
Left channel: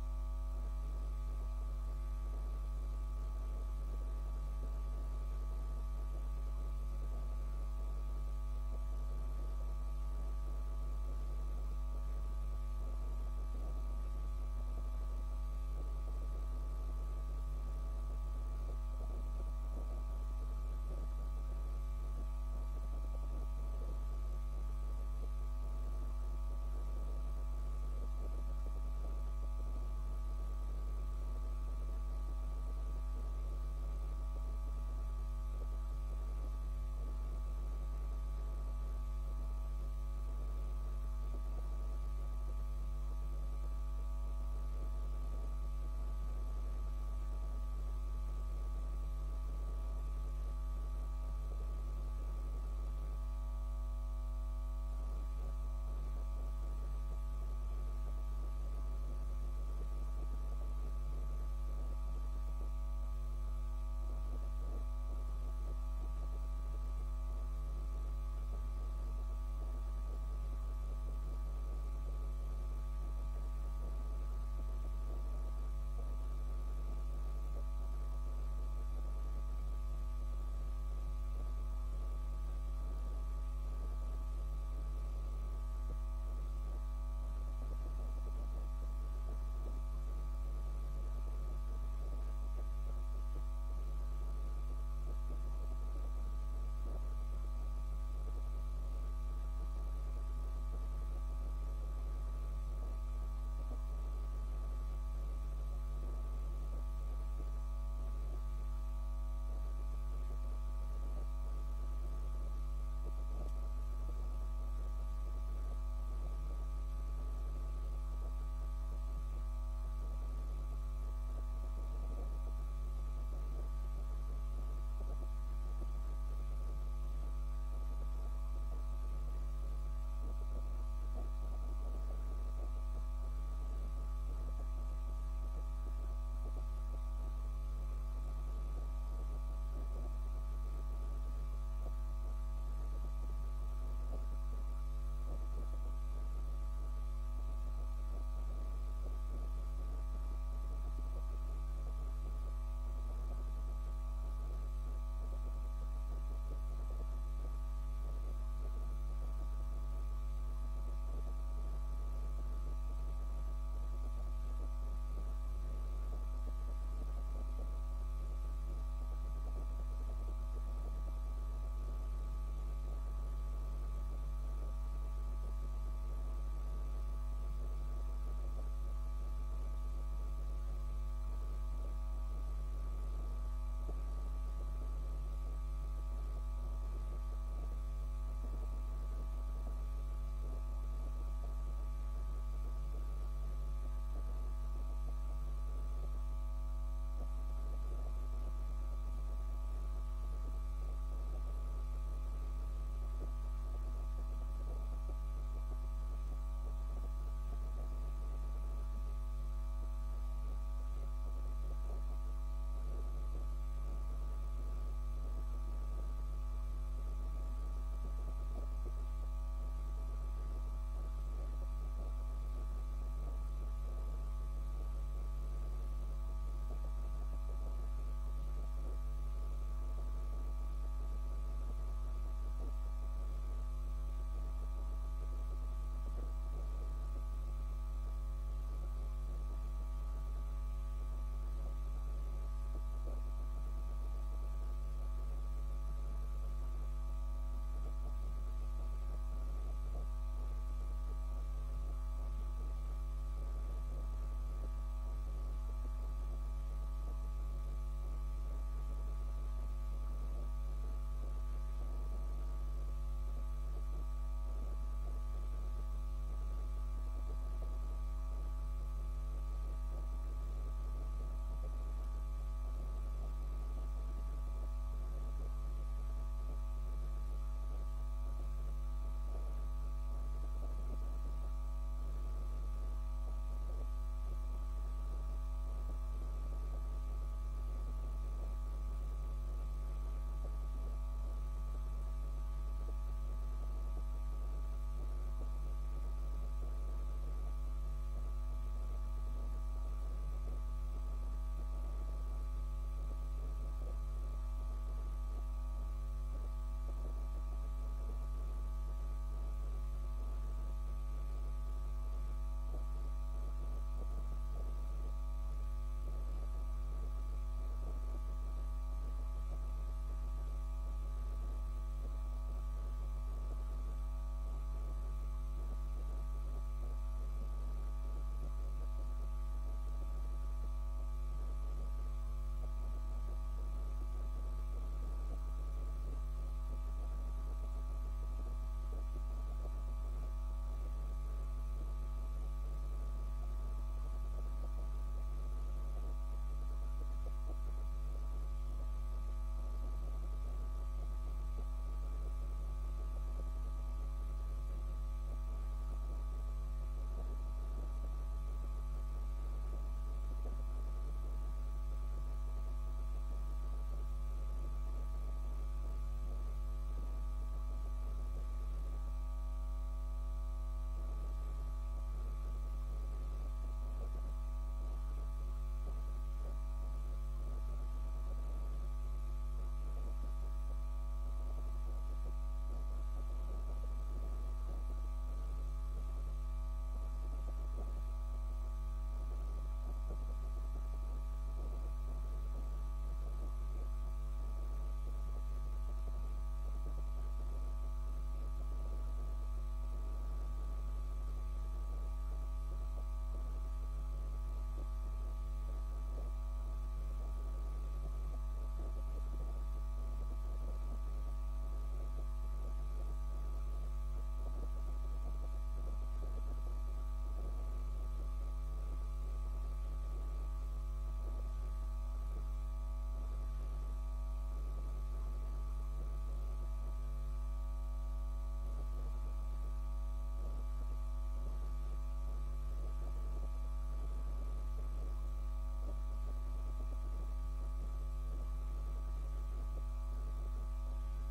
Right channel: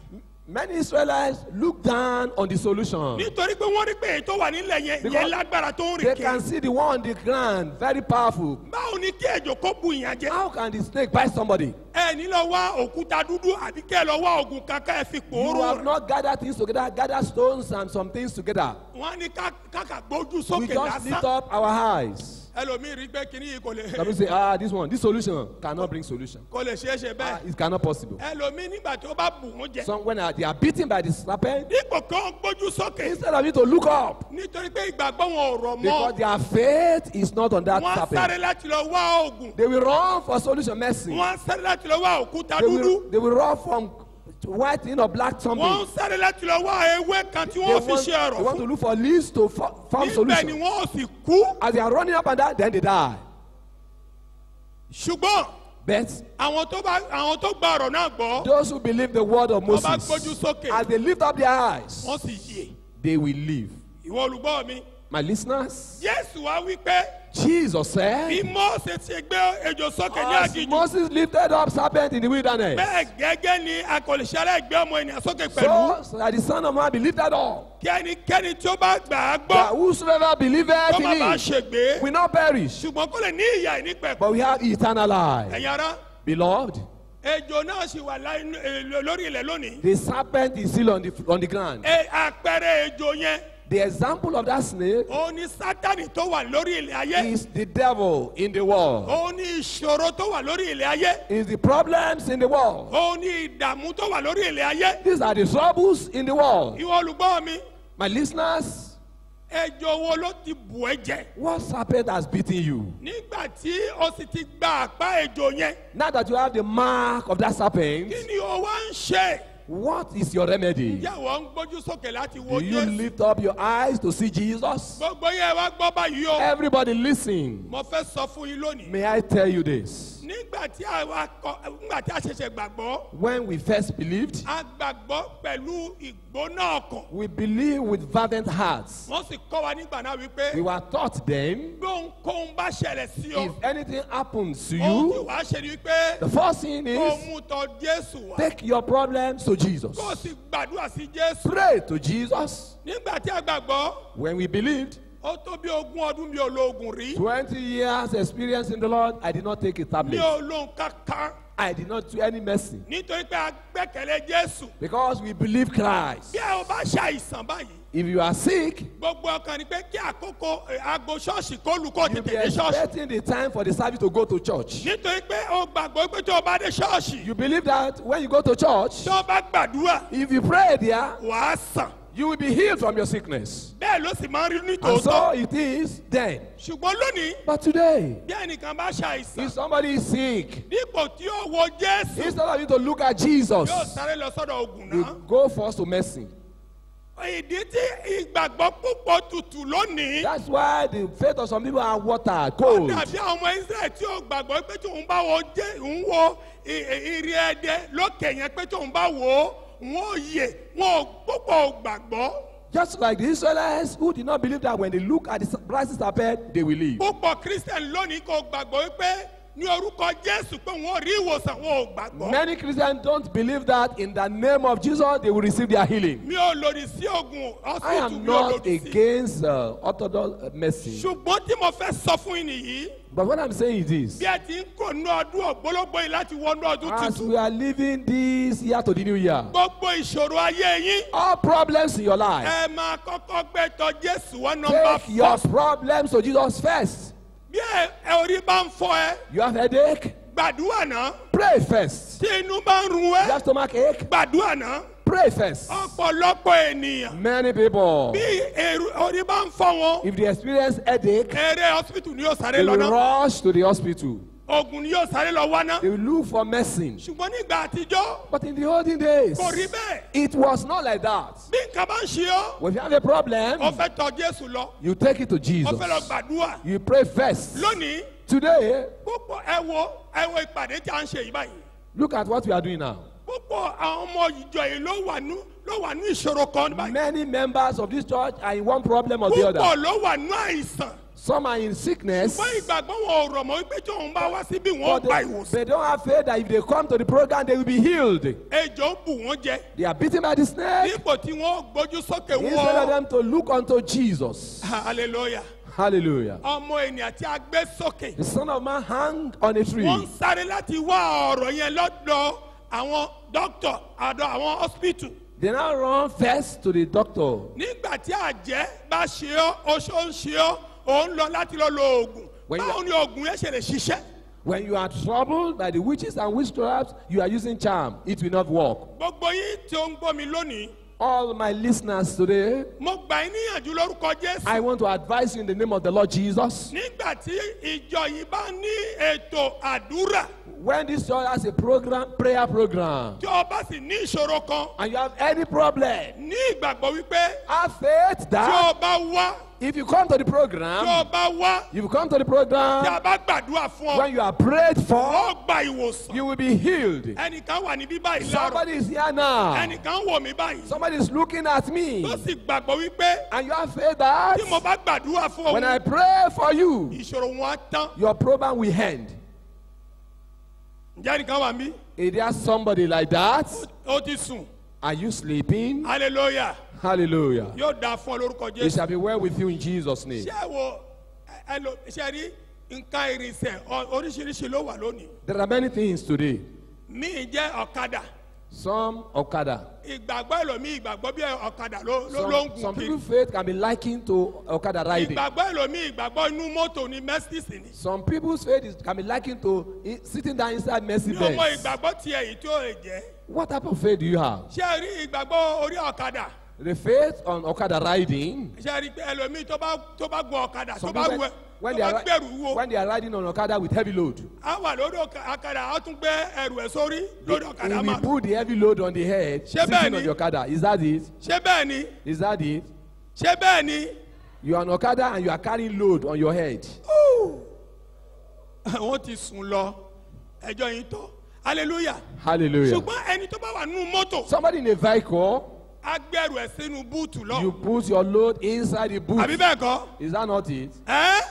Many Israelites look down on the solution. nítorí pé wọ́n rí pé èyí tó wà nílẹ̀ yẹn Because lágbára tó ń They rìn can kiri. see the one on the ground, very powerful. báwo ni kí ejò kó bu ìyàn jẹ. How can the snake bite somebody? ẹ ní lọ wá òkúta dúdú àbí kẹ́ ẹ lọ wá ògùn kankan ẹ fi You pòórò have rẹ̀. not gathered things together, gather stones and some things together. wọ́n á ní káka gbójú We sókè just lift lásán. up our eyes. ẹlòmíì rí pé kíní yìí kò Some people say, this solution cannot bring solution. kò lè ṣeé ṣe bẹ́ẹ̀. It cannot possible. ẹlòmíì nígbà tí ó bá bù wọ́n jẹ. Some when they are beaten by the serpent, dípò kan gbójú sókè. instead of you to look up, nítorí pé ìgbàgbọ́ wọn ò rọ̀ because mọ́. their faith is not on that wọ́n á sáré serpent, láti lọ wá ògùn. they will run for solution mercy. wọ́n á sáré láti lọ wá òkúta They dúdú. will run from white thing or black wọ́n something. ń sáré láti lọ wá ewé kan tí They wọ́n fi want, ṣe they ọ̀rọ̀ want to fún. look for leads to form níbẹ̀ ni solution. wọ́n ò sì kú. As they are running up and down, then they die. ṣùgbọ́n But àwọn tó gba ọ̀rọ̀ náà gbọ́. those who believe the word of wọ́n bá Moses, gbójú sókè. as they lift up their eyes, wọ́n sì yè. they will live. ìwọ olùgbọ́ mi. My listeners, Jésù wá wí pé Jesus said, bí Mósè ti gbé ejò sókè ní as aginjù. Moses lifted up serpent in the wilderness, bẹ́ẹ̀ gẹ́gẹ́ ni a kò lè ṣe aláìgbé ọmọ ènìyàn sókè pẹ̀lú. so that the Son of Man be lifted up, kí ẹnikẹ́ni tí ó bá gbà á that gbọ́ whosoever believeth kó in má bàa him ṣègbé. will not perish, ṣùgbọ́n kó lè ní ìyà ìnípẹ̀kun. but we have eternal life. ẹ̀yin ará Beloved, ejò náà sì wà lórí ilẹ̀ lónìí. the serpent is still on the ground. àpẹẹrẹ ejò yẹn The example of that snake òun ni Sátánì tó wà lórí ilẹ̀ ayé. is the devil in the world, òun ni ìṣòro tó wà lórí ilẹ̀ ayé. is the problems in the world. òun ni ìdààmú tó wà lórí ilẹ̀ ayé. These are the troubles in the world. ìwọ olùgbọ́ mi My listeners, ejò wo ló ti bù ẹ́ jẹ. what serpent has beaten you? nígbà tí o sì ti gba àpá ejò yẹn Now that you have the mark of that serpent, kí ni o wá ń ṣe. what is your remedy? ǹjẹ́ wọ́n ń gbójú sókè láti wo Do you Jésù. lift up your eyes to see Jesus? gbogbo yẹn wá gbọ́ báyìí o. Everybody listen. mo fẹ́ sọ fún yín lónìí. May I tell you this? nígbà tí a ṣẹ̀ṣẹ̀ gbàgbọ́ When we first believed, a gbàgbọ́ pẹ̀lú ìgbóná ọkàn. we believed with fervent hearts. wọ́n sì kọ́ wa nígbà náà wípé We were taught then, gbóǹkóhun bá ṣẹlẹ̀ sí ọ. if anything happens to ohun tí you, wàá ṣe ni wípé the first thing kó is mú tọ Jésù wá. take your problems to Jesus. kó o sì gbàdúrà sí Jésù. Pray to Jesus. nígbà tí a gbàgbọ́ When we believed, ó tó bí 20 ọdún mi ò lo oògùn rí. 20 years experience in the Lord, I did not take a mi tablet. ò lo nǹkan kan I did not do any mercy nítorí pé a gbẹ́kẹ̀lé Jésù. because we believe Christ. bí ẹ ò bá ṣàìsàn báyìí If you are sick, gbogbo ọkàn ni pé kí àkókò aago ṣọ́ọ̀ṣì kó lù kó you'll be tètè dé ṣọ́ọ̀ṣì. expecting the time for the service to go to church. nítorí pé o gbàgbọ́ pé tó o bá dé ṣọ́ọ̀ṣì You believe that when you go to church, tó o bá gbàdúrà if you pray there, wàá sàn. you will be healed from your sickness. bẹ́ẹ̀ ló sì máa ń rí ní And so tòótọ́. it is then. ṣùgbọ́n lónìí But today, bí ẹnìkan bá ṣàìsàn if somebody is sick, dípò tí ó wo Jésù instead of you to look at Jesus, yóò sáré lọ sọ́dọ̀ ògùn you náà. go first to mercy. ìdí tí ìgbàgbọ́ púpọ̀ tutù lónìí. That's why the faith of some people are water, ó cold. dàbí àwọn ọmọ Israẹli tí ó gbàgbọ́ pé tí òun bá wo ìrì ẹ̀dẹ̀ lókè yẹn pé tí òun bá wò ó wọn ò yè wọn ò púpọ̀ ò gbàgbọ́. Just like the Israelites who did not believe that when they look at the rising serpent, they will live. púpọ̀ Christian lónìí kò gbàgbọ́ pé ní orúkọ Jésù pé wọn ò rí ìwòsàn wọn ò gbàgbọ́. Many Christians don't believe that in the name of Jesus they will receive their healing. mi ò lòdì sí oògùn I hospital am mi ò not lòdì sí. against orthodox medicine. ṣùgbọ́n tí mo fẹ́ sọ fún yín nìyí But what I'm saying is this. bí ẹ ti ń kó nú ọdún ògbólógbò yìí láti wọnú ọdún As tuntun we are living this year to the new year, gbogbo ìṣòro ayé yín all problems in your life, ẹ máa kọ́kọ́ gbé tọ̀ Jésù wá nọ́mbà take your first. problems to Jesus first. bí ẹ orí bá ń fọ́ ẹ You have headache? gbàdúrà náà. Pray first. tí inú bá ń run You ẹ́ have stomach ache? gbàdúrà náà. Pray first. ọ̀pọ̀lọpọ̀ ènìyàn Many people, bí orí bá ń fọ́ wọn if they experience headache, eré hospital ni yóò sáré they lọ will náà rush to the hospital. oògùn ni yóò sáré lọ wá náà They will look for medicine. ṣùgbọ́n nígbà àtijọ́ But in the olden days, kò rí bẹ́ẹ̀ it was not like that. bí nǹkan bá ń ṣe ọ́ When you have a problem, ó fẹ́ tọ̀ Jésù lọ you take it to ó Jesus. fẹ́ lọ gbàdúrà You pray first. lónìí Today, púpọ̀ ẹ wo ìpàdé tí a ń ṣe yìí báyìí look at what we are doing now. púpọ̀ àwọn ọmọ ìjọ yìí ló wà ní ìṣòro kan báyìí Many members of this church are in one problem or the púpọ̀ other. ló wà ní àìsàn Some are in sickness, ṣùgbọ́n ìgbàgbọ́ wọn ò rọ̀ mọ́ wípé tí òun bá wá síbí wọn but gba they ìwòsàn. don't have faith that if they come to the program, they will be healed. Ejò ń bù wọ́n jẹ. They are beaten by the snake. Dípò tí wọ́n gbójú sókè Instead of wọ́n. them to look unto Jesus. Hallelujah. Hallelujah. Ọmọ ènìyàn tí a gbé sókè. The Son of Man hung on a tree. Wọ́n ń sáré láti wá ọ̀rọ̀ yẹn lọ́dọ̀ àwọn dókítà àdó àwọn hospital. They now run first to the doctor. Nígbà tí àjẹ́ bá ṣe ọ́, oṣó ń ṣe ọ́, òun lọ láti lọ lo oògùn. When you- Báwo ni oògùn yẹn ṣe lè ṣiṣẹ́? When you are troubled by the witches and witchcrafts, you are using charm. It will not work. Gbogbo yín tí ó ń gbọ́ mi lónìí, All my listeners today, mo gbà yín níyànjú lórúkọ Jésù. I want to advise you in the name of the Lord Jesus. Nígbà tí ìjọ yìí bá ní ètò àdúrà, When this church has a program, prayer program, tí o bá sì ní ìṣòro kan, and you have any problem, ní ìgbàgbọ́ wípé have faith tí o that bá wá, if you come to the tí o program, bá wá, if you come to the tí program, a bá gbàdúrà fún ọ, when you are prayed for, ó gba ìwòsàn. you will be healed. Ẹnìkan wà níbí báyìí láàárọ̀, Somebody is here now. ẹnìkan wò mí báyìí, Somebody is looking at me. tó sì gbàgbọ́ wípé And you have faith that tí mo bá gbàdúrà fún when ọ, I pray for you, ìṣòro wọn á tán. your problem will end. Ǹjẹ́ ẹnìkan wà mí? Is there somebody like that? Ó ti sùn. Are you sleeping? Hallelujah. Hallelujah. Yóò dáa fún ọ lórúkọ It Jésù. shall be well with you in Jesus' name. Ṣé wo ṣe rí nǹkan ìrìnsẹ̀ oríṣiríṣi ló wà lónìí? There are many things today. Míì jẹ́ ọ̀kadà. Some Okada. Ìgbàgbọ́ ẹlòmíì ìgbàgbọ́ bí ọ̀kadà ló ń Some gùn kiri. people's faith can be likened to Okada riding. Ìgbàgbọ́ ẹlòmíì ìgbàgbọ́ inú mọ́tò ni Mercedes ni. Some people's faith can be likened to sitting down inside Mercy Ní ọmọ Benz. ìgbàgbọ́ tiẹ̀ yìí tí ó lè jẹ́. What type of faith do you have? Ṣé ẹ rí ìgbàgbọ́ orí ọ̀kadà? The faith on Okada riding. Ṣé ẹ rí pé ẹlòmíì tó bá gun ọ̀kadà tó Some bá people, wẹ̀ when tó they bá are, gbẹ̀rù wo, when they are riding on Okada with heavy load, á wà lórí ọ̀kadà á tún gbé ẹrù ẹ̀ sórí lórí he ọ̀kadà will máa. put the heavy load on the head, Ṣé bẹ́ẹ̀ sitting ni? on the Okada. Is that it? Ṣé bẹ́ẹ̀ ni? Is that it? Ṣé bẹ́ẹ̀ ni? You are on Okada and you are carrying load on your head. Wọ́n ti sùn lọ ẹjọ́ yìí tọ́. Hallelujah. Hallelujah. Ṣùgbọ́n ẹni tó bá wà nínú mọ́tò Somebody in a vehicle, á gbẹ̀rù ẹ̀ sínú búùtù lọ. you put your load inside the boot. Àbí bẹ́ẹ̀ kọ́? Is that not it? Ẹ́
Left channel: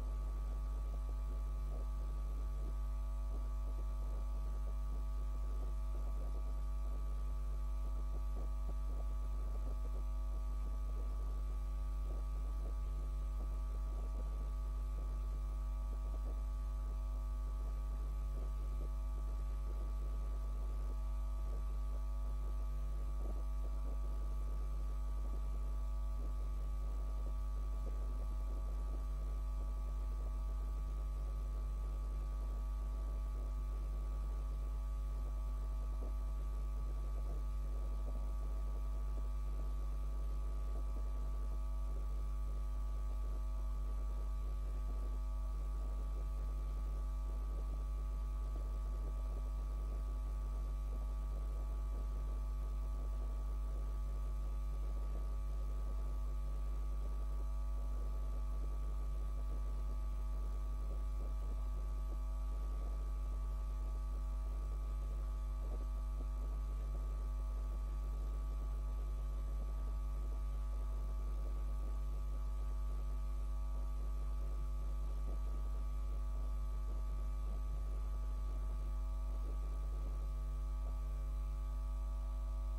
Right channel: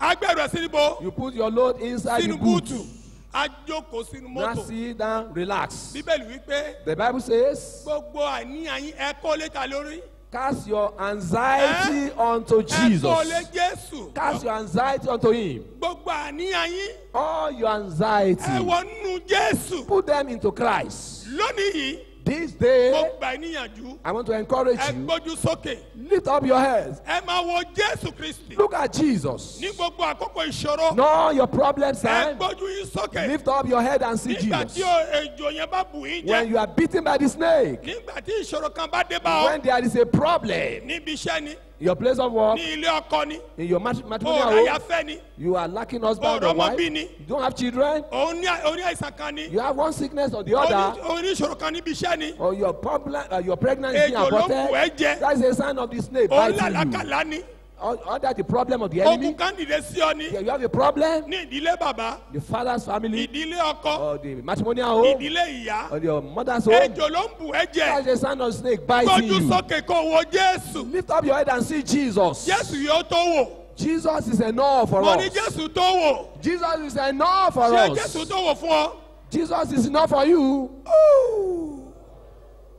á gbẹ̀rù ẹ̀ sínú bó? You put your load inside the Sínú boot. búùtù. Á jókòó sínú Now mọ́tò. sit down, relax. Bíbélì wípé The Bible says, gbogbo àníyàn yín ẹ kó létà lórí. cast your anxiety unto Ẹ kó lé Jesus. Jésù. Cast your anxiety unto Him. Gbogbo àníyàn yín All your anxiety, ẹ wọnú Jésù. put them into Christ. Lónìí yìí, This mo day, gbà ẹ́ níyànjú. I want to encourage Ẹ you. gbójú sókè. Lift up your heads. Ẹ máa wo Jésù Kristì. Look at Jesus. Ní gbogbo àkókò ìṣòro. Know your problems, Ẹ and gbójú yín sókè. lift up your head and see Nígbà tí Jesus. ejò yẹn bá bù yín When jẹ. you are beaten by the snake, Nígbà tí ìṣòro kan bá dé bá when ọ. there is a problem, Níbi iṣẹ́ ni. your place of work, Ní ilé ọkọ ni. in your Òòrùn matrimonial home, àyàfẹ́ ni. you are lacking husband or Ọ̀rọ̀ wife, ọmọ bí you ni. don't have children, Òun ní àìsàn kan ni. you have one sickness or the other, Òun ní ìṣòro kan níbi iṣẹ́ ni. or your problem, your pregnancy is being Ejò ló ń bù ẹ́ aborted, jẹ. that is a sign of the snake Òun biting you. làlákàlà ni. Or that the problem of the enemy, Ogun kan dìde sí ọ ni. you have a problem, Ní ìdílé bàbá. the father's family, Ìdílé ọkọ. or the matrimonial home, Ìdílé ìyá. or your mother's home, Ejò ló ń bù ẹ́ that jẹ. is a sign of snake biting Gbójú you. sókè kó wo Jésù. Lift up your head and see Jesus. Jésù yóò tó wò. Jesus is enough for Mo ní us. Jésù tó wò. Jesus is enough for Ṣé us. Jésù tó wò fún ọ? Jesus is enough for you.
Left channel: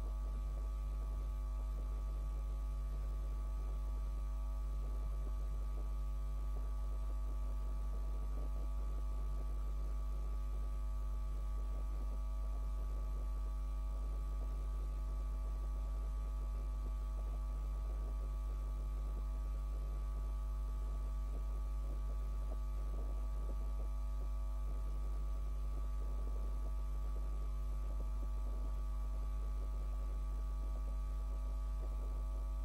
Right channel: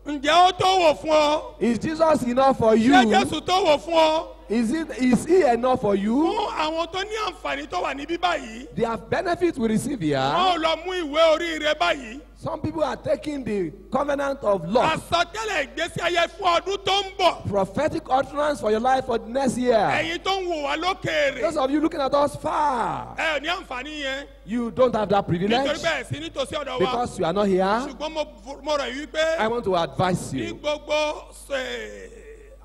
Ǹjẹ́ ó tó wò fún ọ? Is Jesus enough for you? Ṣé Jésù tó wò fún ọ? Is he enough for you? Fún àwọn tó ní àǹfààní tó wà níbí báyìí. The benefits we receive here. Wọ́n ò lọ mú ìwé oríire báyìí. Some people are taking the covenant of love, Àsọtẹ́lẹ̀ ìgbésí ayé fún ọdún tó ń bọ̀. prophetic utterance for your life for the next year. Ẹ̀yin tó ń wò wá lókèèrè. Those of you looking at us far, Ẹ ò ní àǹfààní yẹn. you don't have that Nítorí privilege bẹ́ẹ̀ sí nítòsí ọ̀dọ̀ wa. because you are not here. Ṣùgbọ́n mo rọ̀ yí pé I want to advise ní you. gbogbo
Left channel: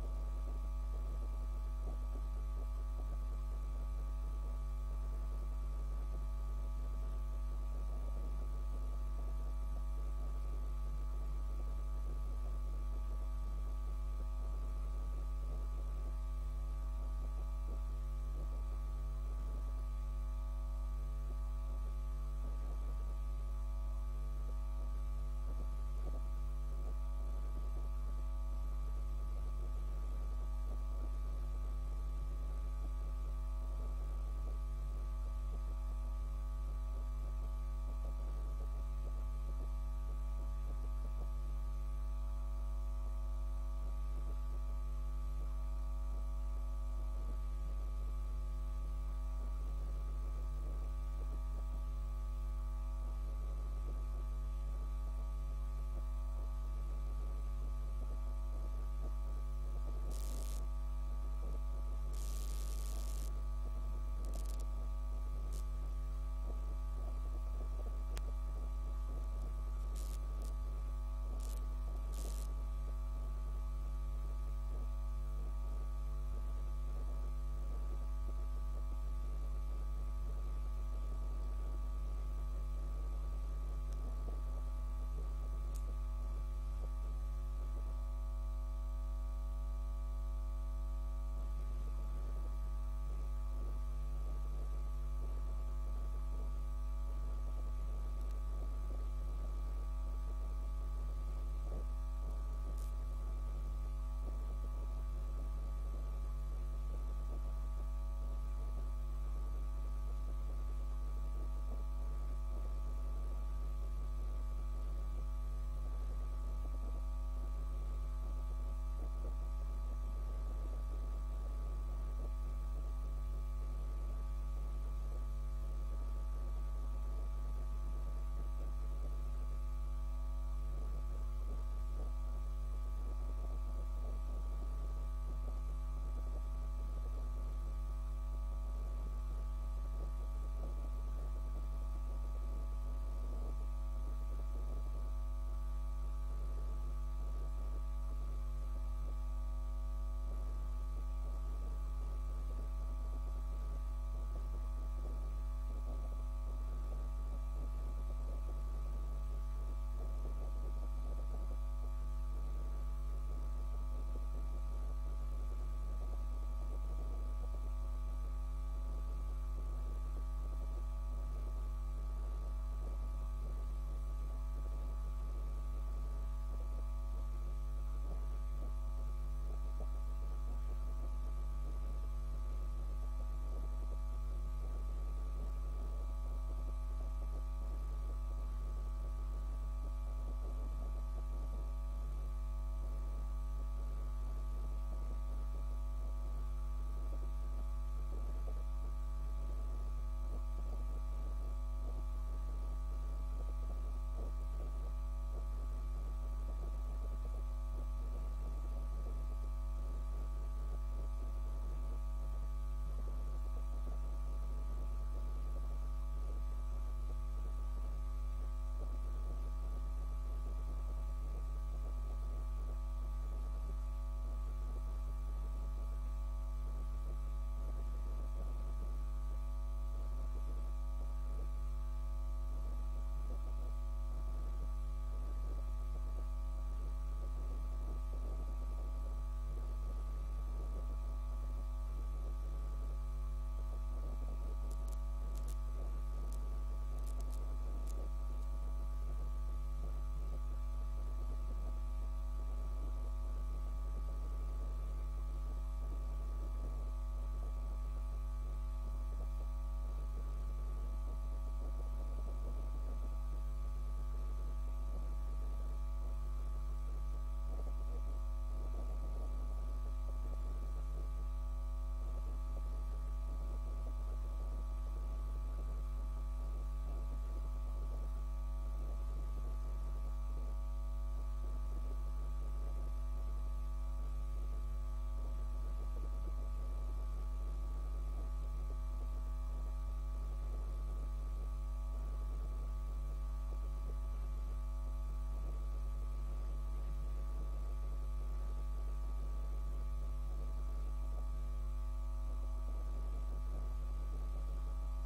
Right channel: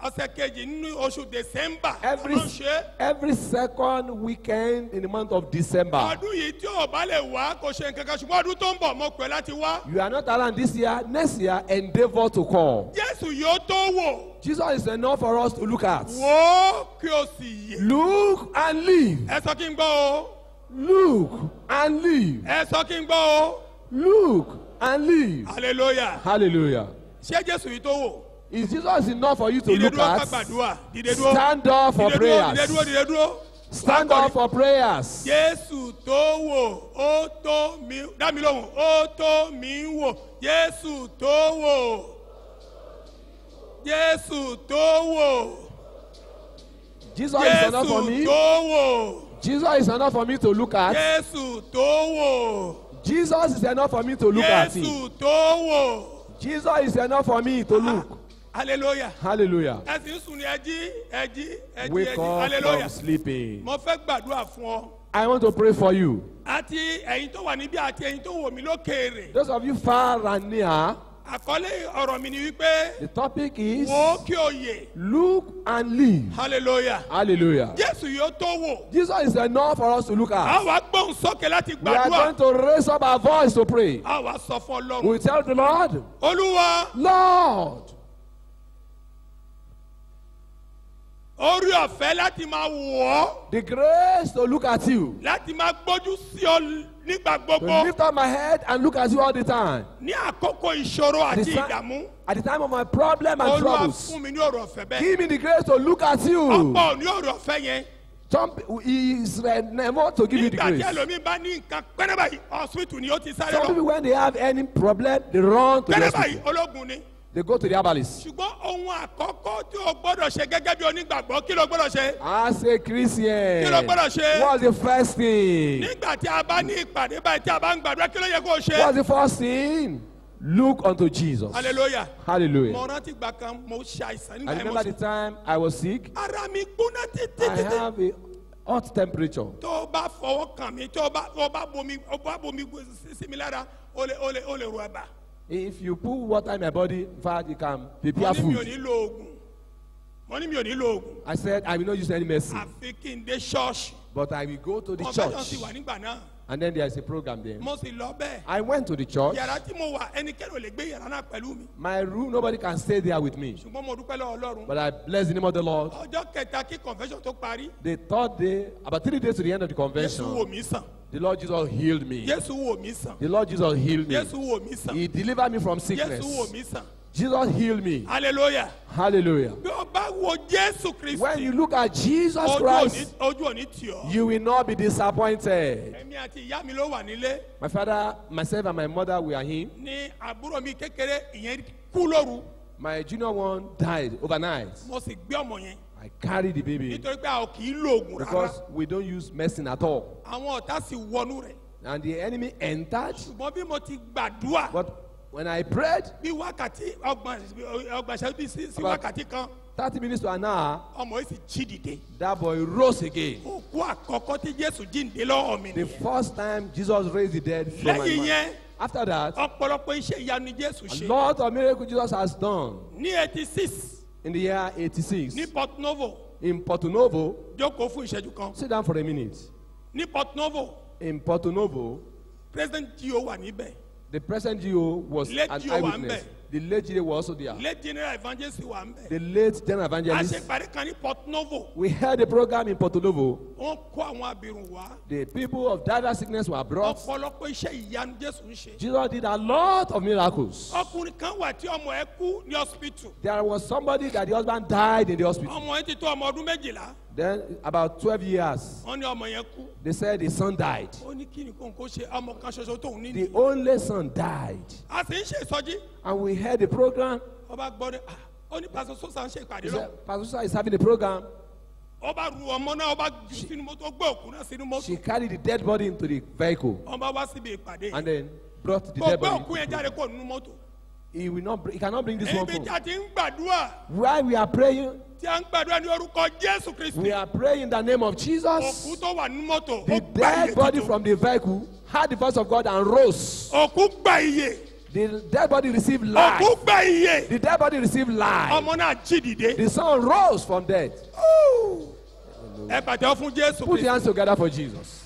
ọ̀sẹ̀ kejì nínú oṣù December. Every, Ọlọ́run ṣe. every second weekend in the month of December. Ọdún yìí tí ò bá lè wá kò ṣe nǹkan kan ṣùgbọ́n ọdún tó ń bọ̀ mo pè láti wá. You are not around this year. Next year, endeavor to come. Jésù yóò tó wò. Jesus is enough for us to look at. Wò ó kí o sì yè. Look and live. Ẹ sọ kí n gbọ́ o. Look and live. Ẹ sọ kí n gbọ́ o. Look and live. Hallelujah. Hallelujah. Ṣé Jésù yìí tó wò? Is Jesus enough for you to Dìde look dúró ká at? gbàdúrà. Dìde dúró. Stand up for Dìde dúró, prayers. dìde dúró, dìde dúró. Stand Wá up for prayers. Jésù tó wò, ó tó mi, dá mi lóhùn, ó tó mi wò. Jésù tó wò. Jésù tó wò. Jesus is enough for Jésù me. tó wò. Jesus is enough for me to look at. Jésù tó wò. Jesus is enough for me to look at him. Jésù tó wò. Jesus is enough for me to look. Hallelujah. Hallelujah. Ẹ sì ń sùn ní ẹjí. Wake up Hallelujah. from sleeping. Mo fẹ́ gbàdúrà fún ọ. I want to pray for you. Àti ẹ̀yin tó wà níbí àti ẹ̀yin tó wò mí lókèèrè. Those of you far and near, Àkọlé ọ̀rọ̀ mi ni wípé the topic is wò ó kí o yè. look and live. Hallelujah. Hallelujah. Jésù yóò tó wò. Jesus is enough for us to look at. A wá gbóhùn sókè láti We are gbàdúrà. going to raise up our voice to pray. A wá sọ fún Ọlọ́run. We tell the Lord, Olúwa, Lord, orí ọ̀fẹ́ láti máa wò ọ́. the grace to look at you, Láti máa gbójú sí ọ nígbà to gbogbo. lift up my head and look at you all the time. Ní àkókò ìṣòro At àti the, ìdààmú. at the time of my problem and Olúwa troubles, fún mi ní ọ̀rọ̀ ọ̀fẹ́ bẹ́ẹ̀. give me the grace to look at you. Ọ̀pọ̀ ní ọ̀rọ̀ ọ̀fẹ́ yẹn. Some is never to give you the Nígbà tí grace. ẹlòmíín bá ní nǹkan pẹ́rẹ́ báyìí, hospital ni ó ti sáré Some lọ. people, when they have any problem, they run to the Pẹ́rẹ́ hospital. báyìí ológun ni. They go to the herbalist. Ṣùgbọ́n ohun àkọ́kọ́ tí o gbọ́dọ̀ ṣe gẹ́gẹ́ bí onígbàgbọ́ kí ló gbọ́dọ̀ ṣe? As a Christian, Kí ló gbọ́dọ̀ ṣe? what's the first thing? Nígbà tí a bá ní ìpàdé báyìí tí a bá ń gbàdúrà kí ló yẹ kó o ṣe? What's the first thing? Look unto Jesus. Hallelujah. Hallelujah. Mo rántí gbà kan mo ṣe àìsàn I nígbà yẹn mo remember the ṣe. time I was sick. Ara mi gbóná I tètè. have a hot temperature. Tó o bá fọwọ́ kàn mí, tó o bá bomi sí mi lára, o lè ro ẹ̀bà. If you put water in my body, in fact, you can Mo prepare ní mi ò food. ní lo oògùn. Mo ní mi ò ní lo oògùn. I said, I will not use any medicine, Àfi kí n dé ṣọ́ọ̀ṣì. but I will go to the Convention sì church. wà nígbà náà. And then there is a program there. Mo sì lọ bẹ́ẹ̀. I went to the church. Yàrá tí mo wà ẹnikẹ́ni ò lè gbé yàrá náà pẹ̀lú mi. My room, nobody can stay there with me. Ṣùgbọ́n mo dúpẹ́ lọ́wọ́ Ọlọ́run. But I bless the name of the Lord. Ọjọ́ kẹta kí convention tó parí. The third day, about 3 days to the end of the Jésù wò convention, mí sàn. the Lord Jesus healed me. Jésù wò mí sàn. The Lord Jesus healed me. Jésù wò mí sàn. He delivered me from Jésù wò sickness. mí sàn. Jesus healed me. Hallelujah. Hallelujah. Bí o bá wo Jésù When you Kristi, look at Jesus Christ, ojú òní tì ọ́. you will not be disappointed. Èmi àti ìyá mi ló wà nílé. My father, myself, and my mother were here. Ní àbúrò mi kékeré ìyẹn kú lóru. My junior one died overnight. Mo sì gbé ọmọ yẹn. I carried the baby Nítorí pé a ò kì í lo oògùn rárá. because we don't use medicine at all. Àwọn ọ̀tá sì wọnú rẹ̀. And the enemy entered. Ṣùgbọ́n bí mo ti gbàdúrà. But when I prayed, Bí wákàtí ọgbọ̀n ṣẹ́jú bí sí About- wákàtí kan. 30 minutes to an hour, Ọmọ yìí sì jí dìde. that boy rose again. Òkú àkọ́kọ́ tí Jésù jíǹde lọ́wọ́ mi The nìyẹn. first time Jesus raised the dead from my Lẹ́yìn mind. yẹn, After that, ọ̀pọ̀lọpọ̀ iṣẹ́ ìyanu ni Jésù a ṣe. lot of miracles Jesus has done. Ní 86 In the year 86, ní Port Novo, in Porto Novo, jókòó fún ìṣẹ́jú kan. sit down for a minute. Ní Port Novo, In Porto Novo, President Gio wà níbẹ̀. the present GO was Late an GO wà eyewitness. ńbẹ̀. The late GO was also there. Late General Evangelist wà ńbẹ̀. The late general A evangelist. ṣe ìpàdé kan ní Port Novo. We held a program in Porto Novo. Wọ́n kó àwọn abirùn wá. The people of diverse sickness were brought. Ọ̀pọ̀lọpọ̀ iṣẹ́ ìyanu Jésù ń ṣe. Jesus did a lot of miracles. Ọkùnrin kan wà tí ọmọ ẹ kú ní hospital. There was somebody that the husband died in the hospital. Ọmọ ẹ ti tó ọmọ ọdún 12. Then, about 12 years, Wọ́n ní ọmọ yẹn kú. they said the son died. Ó ní kí ni kò ń kó ṣe ọmọ kan ṣoṣo tóun ní. The only son died. A sì ń ṣe ìsọjí. And we had the program. Ọba gbọ́ ní ó ní pásọ sọ́sà ń ṣe He ìpàdé lọ. said, Pastor Susa is having a program. Ọba ru ọmọ náà ọba jù sínú mọ́tò ó gbé òkú náà sínú mọ́tò. She carried the dead body into the vehicle Ọba wá síbi ìpàdé. and then brought the Kò dead gbé body. òkú yẹn jáde kó nínú mọ́tò. He cannot bring this one Ibi forward. tí a ti ń gbàdúrà While we are praying, tí a ń gbàdúrà ní orúkọ Jésù Kristi. we are praying in the name of Òkú Jesus. tó wà nínú mọ́tò. The Ó gba dead iye body tuntun. from the vehicle heard the voice of God and rose. Òkú gba iye. The dead body received life. Òkú gba iye. The dead body received life. Ọmọ náà jí dìde. The son rose from death. Ẹ pàtẹ́wọ́ fún Jésù Put Kristi. your hands together for Jesus.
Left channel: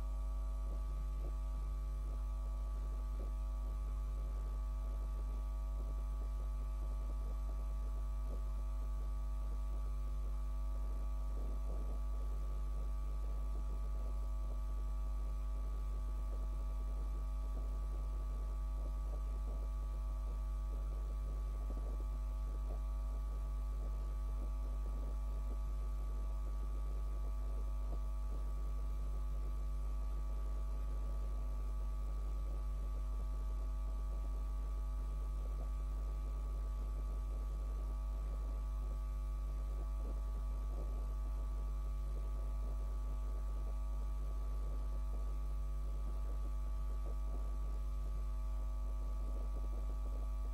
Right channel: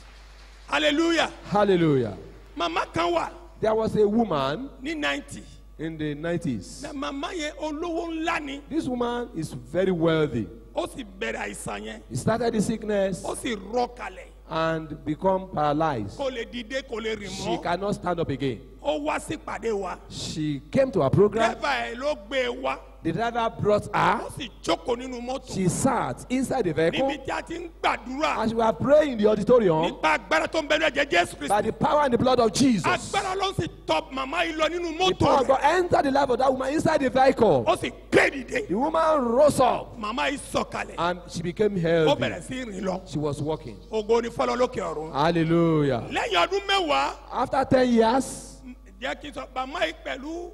Hallelujah. Hallelujah. Màmá kan wà There was a woman ní 90. in the 90s. Na màmá yẹn olówó ńlá ni. This woman is very wealthy. Ó sì bẹ̀rẹ̀ àìsàn yẹn. He started the sickness Ó sì rọ kalẹ̀. and become paralyzed. Kò lè dìde kò lè rìn She mọ́. cannot stand up again. ó wá sí pàdé wa. She came to our program. Dẹ́bà ẹ̀ ló gbé e wá. The driver brought her. Ó sì jókòó nínú mọ́tò. She sat inside the vehicle. Níbi tí a ti ń gbàdúrà. As we were praying in the auditorium, Nípa agbára tó ń bẹ ní ẹ̀jẹ̀ Jésù by Kristi. the power and the blood of Jesus, Agbára ló ń sì tọ màmá yìí lọ nínú the power mọ́tò of God rẹ̀. entered the life of that woman inside the vehicle. Ó sì gbé dìde. The woman rose up Màmá yìí sọ̀kalẹ̀. and she became Ó healthy. bẹ̀rẹ̀ sí rìn lọ. She was walking. Ògo ni fọlọ́ lókè ọ̀run. Hallelujah. Lẹ́yìn ọdún mẹ́wàá. After 10 years, Jẹ́ kí n sọ màmá yìí pẹ̀lú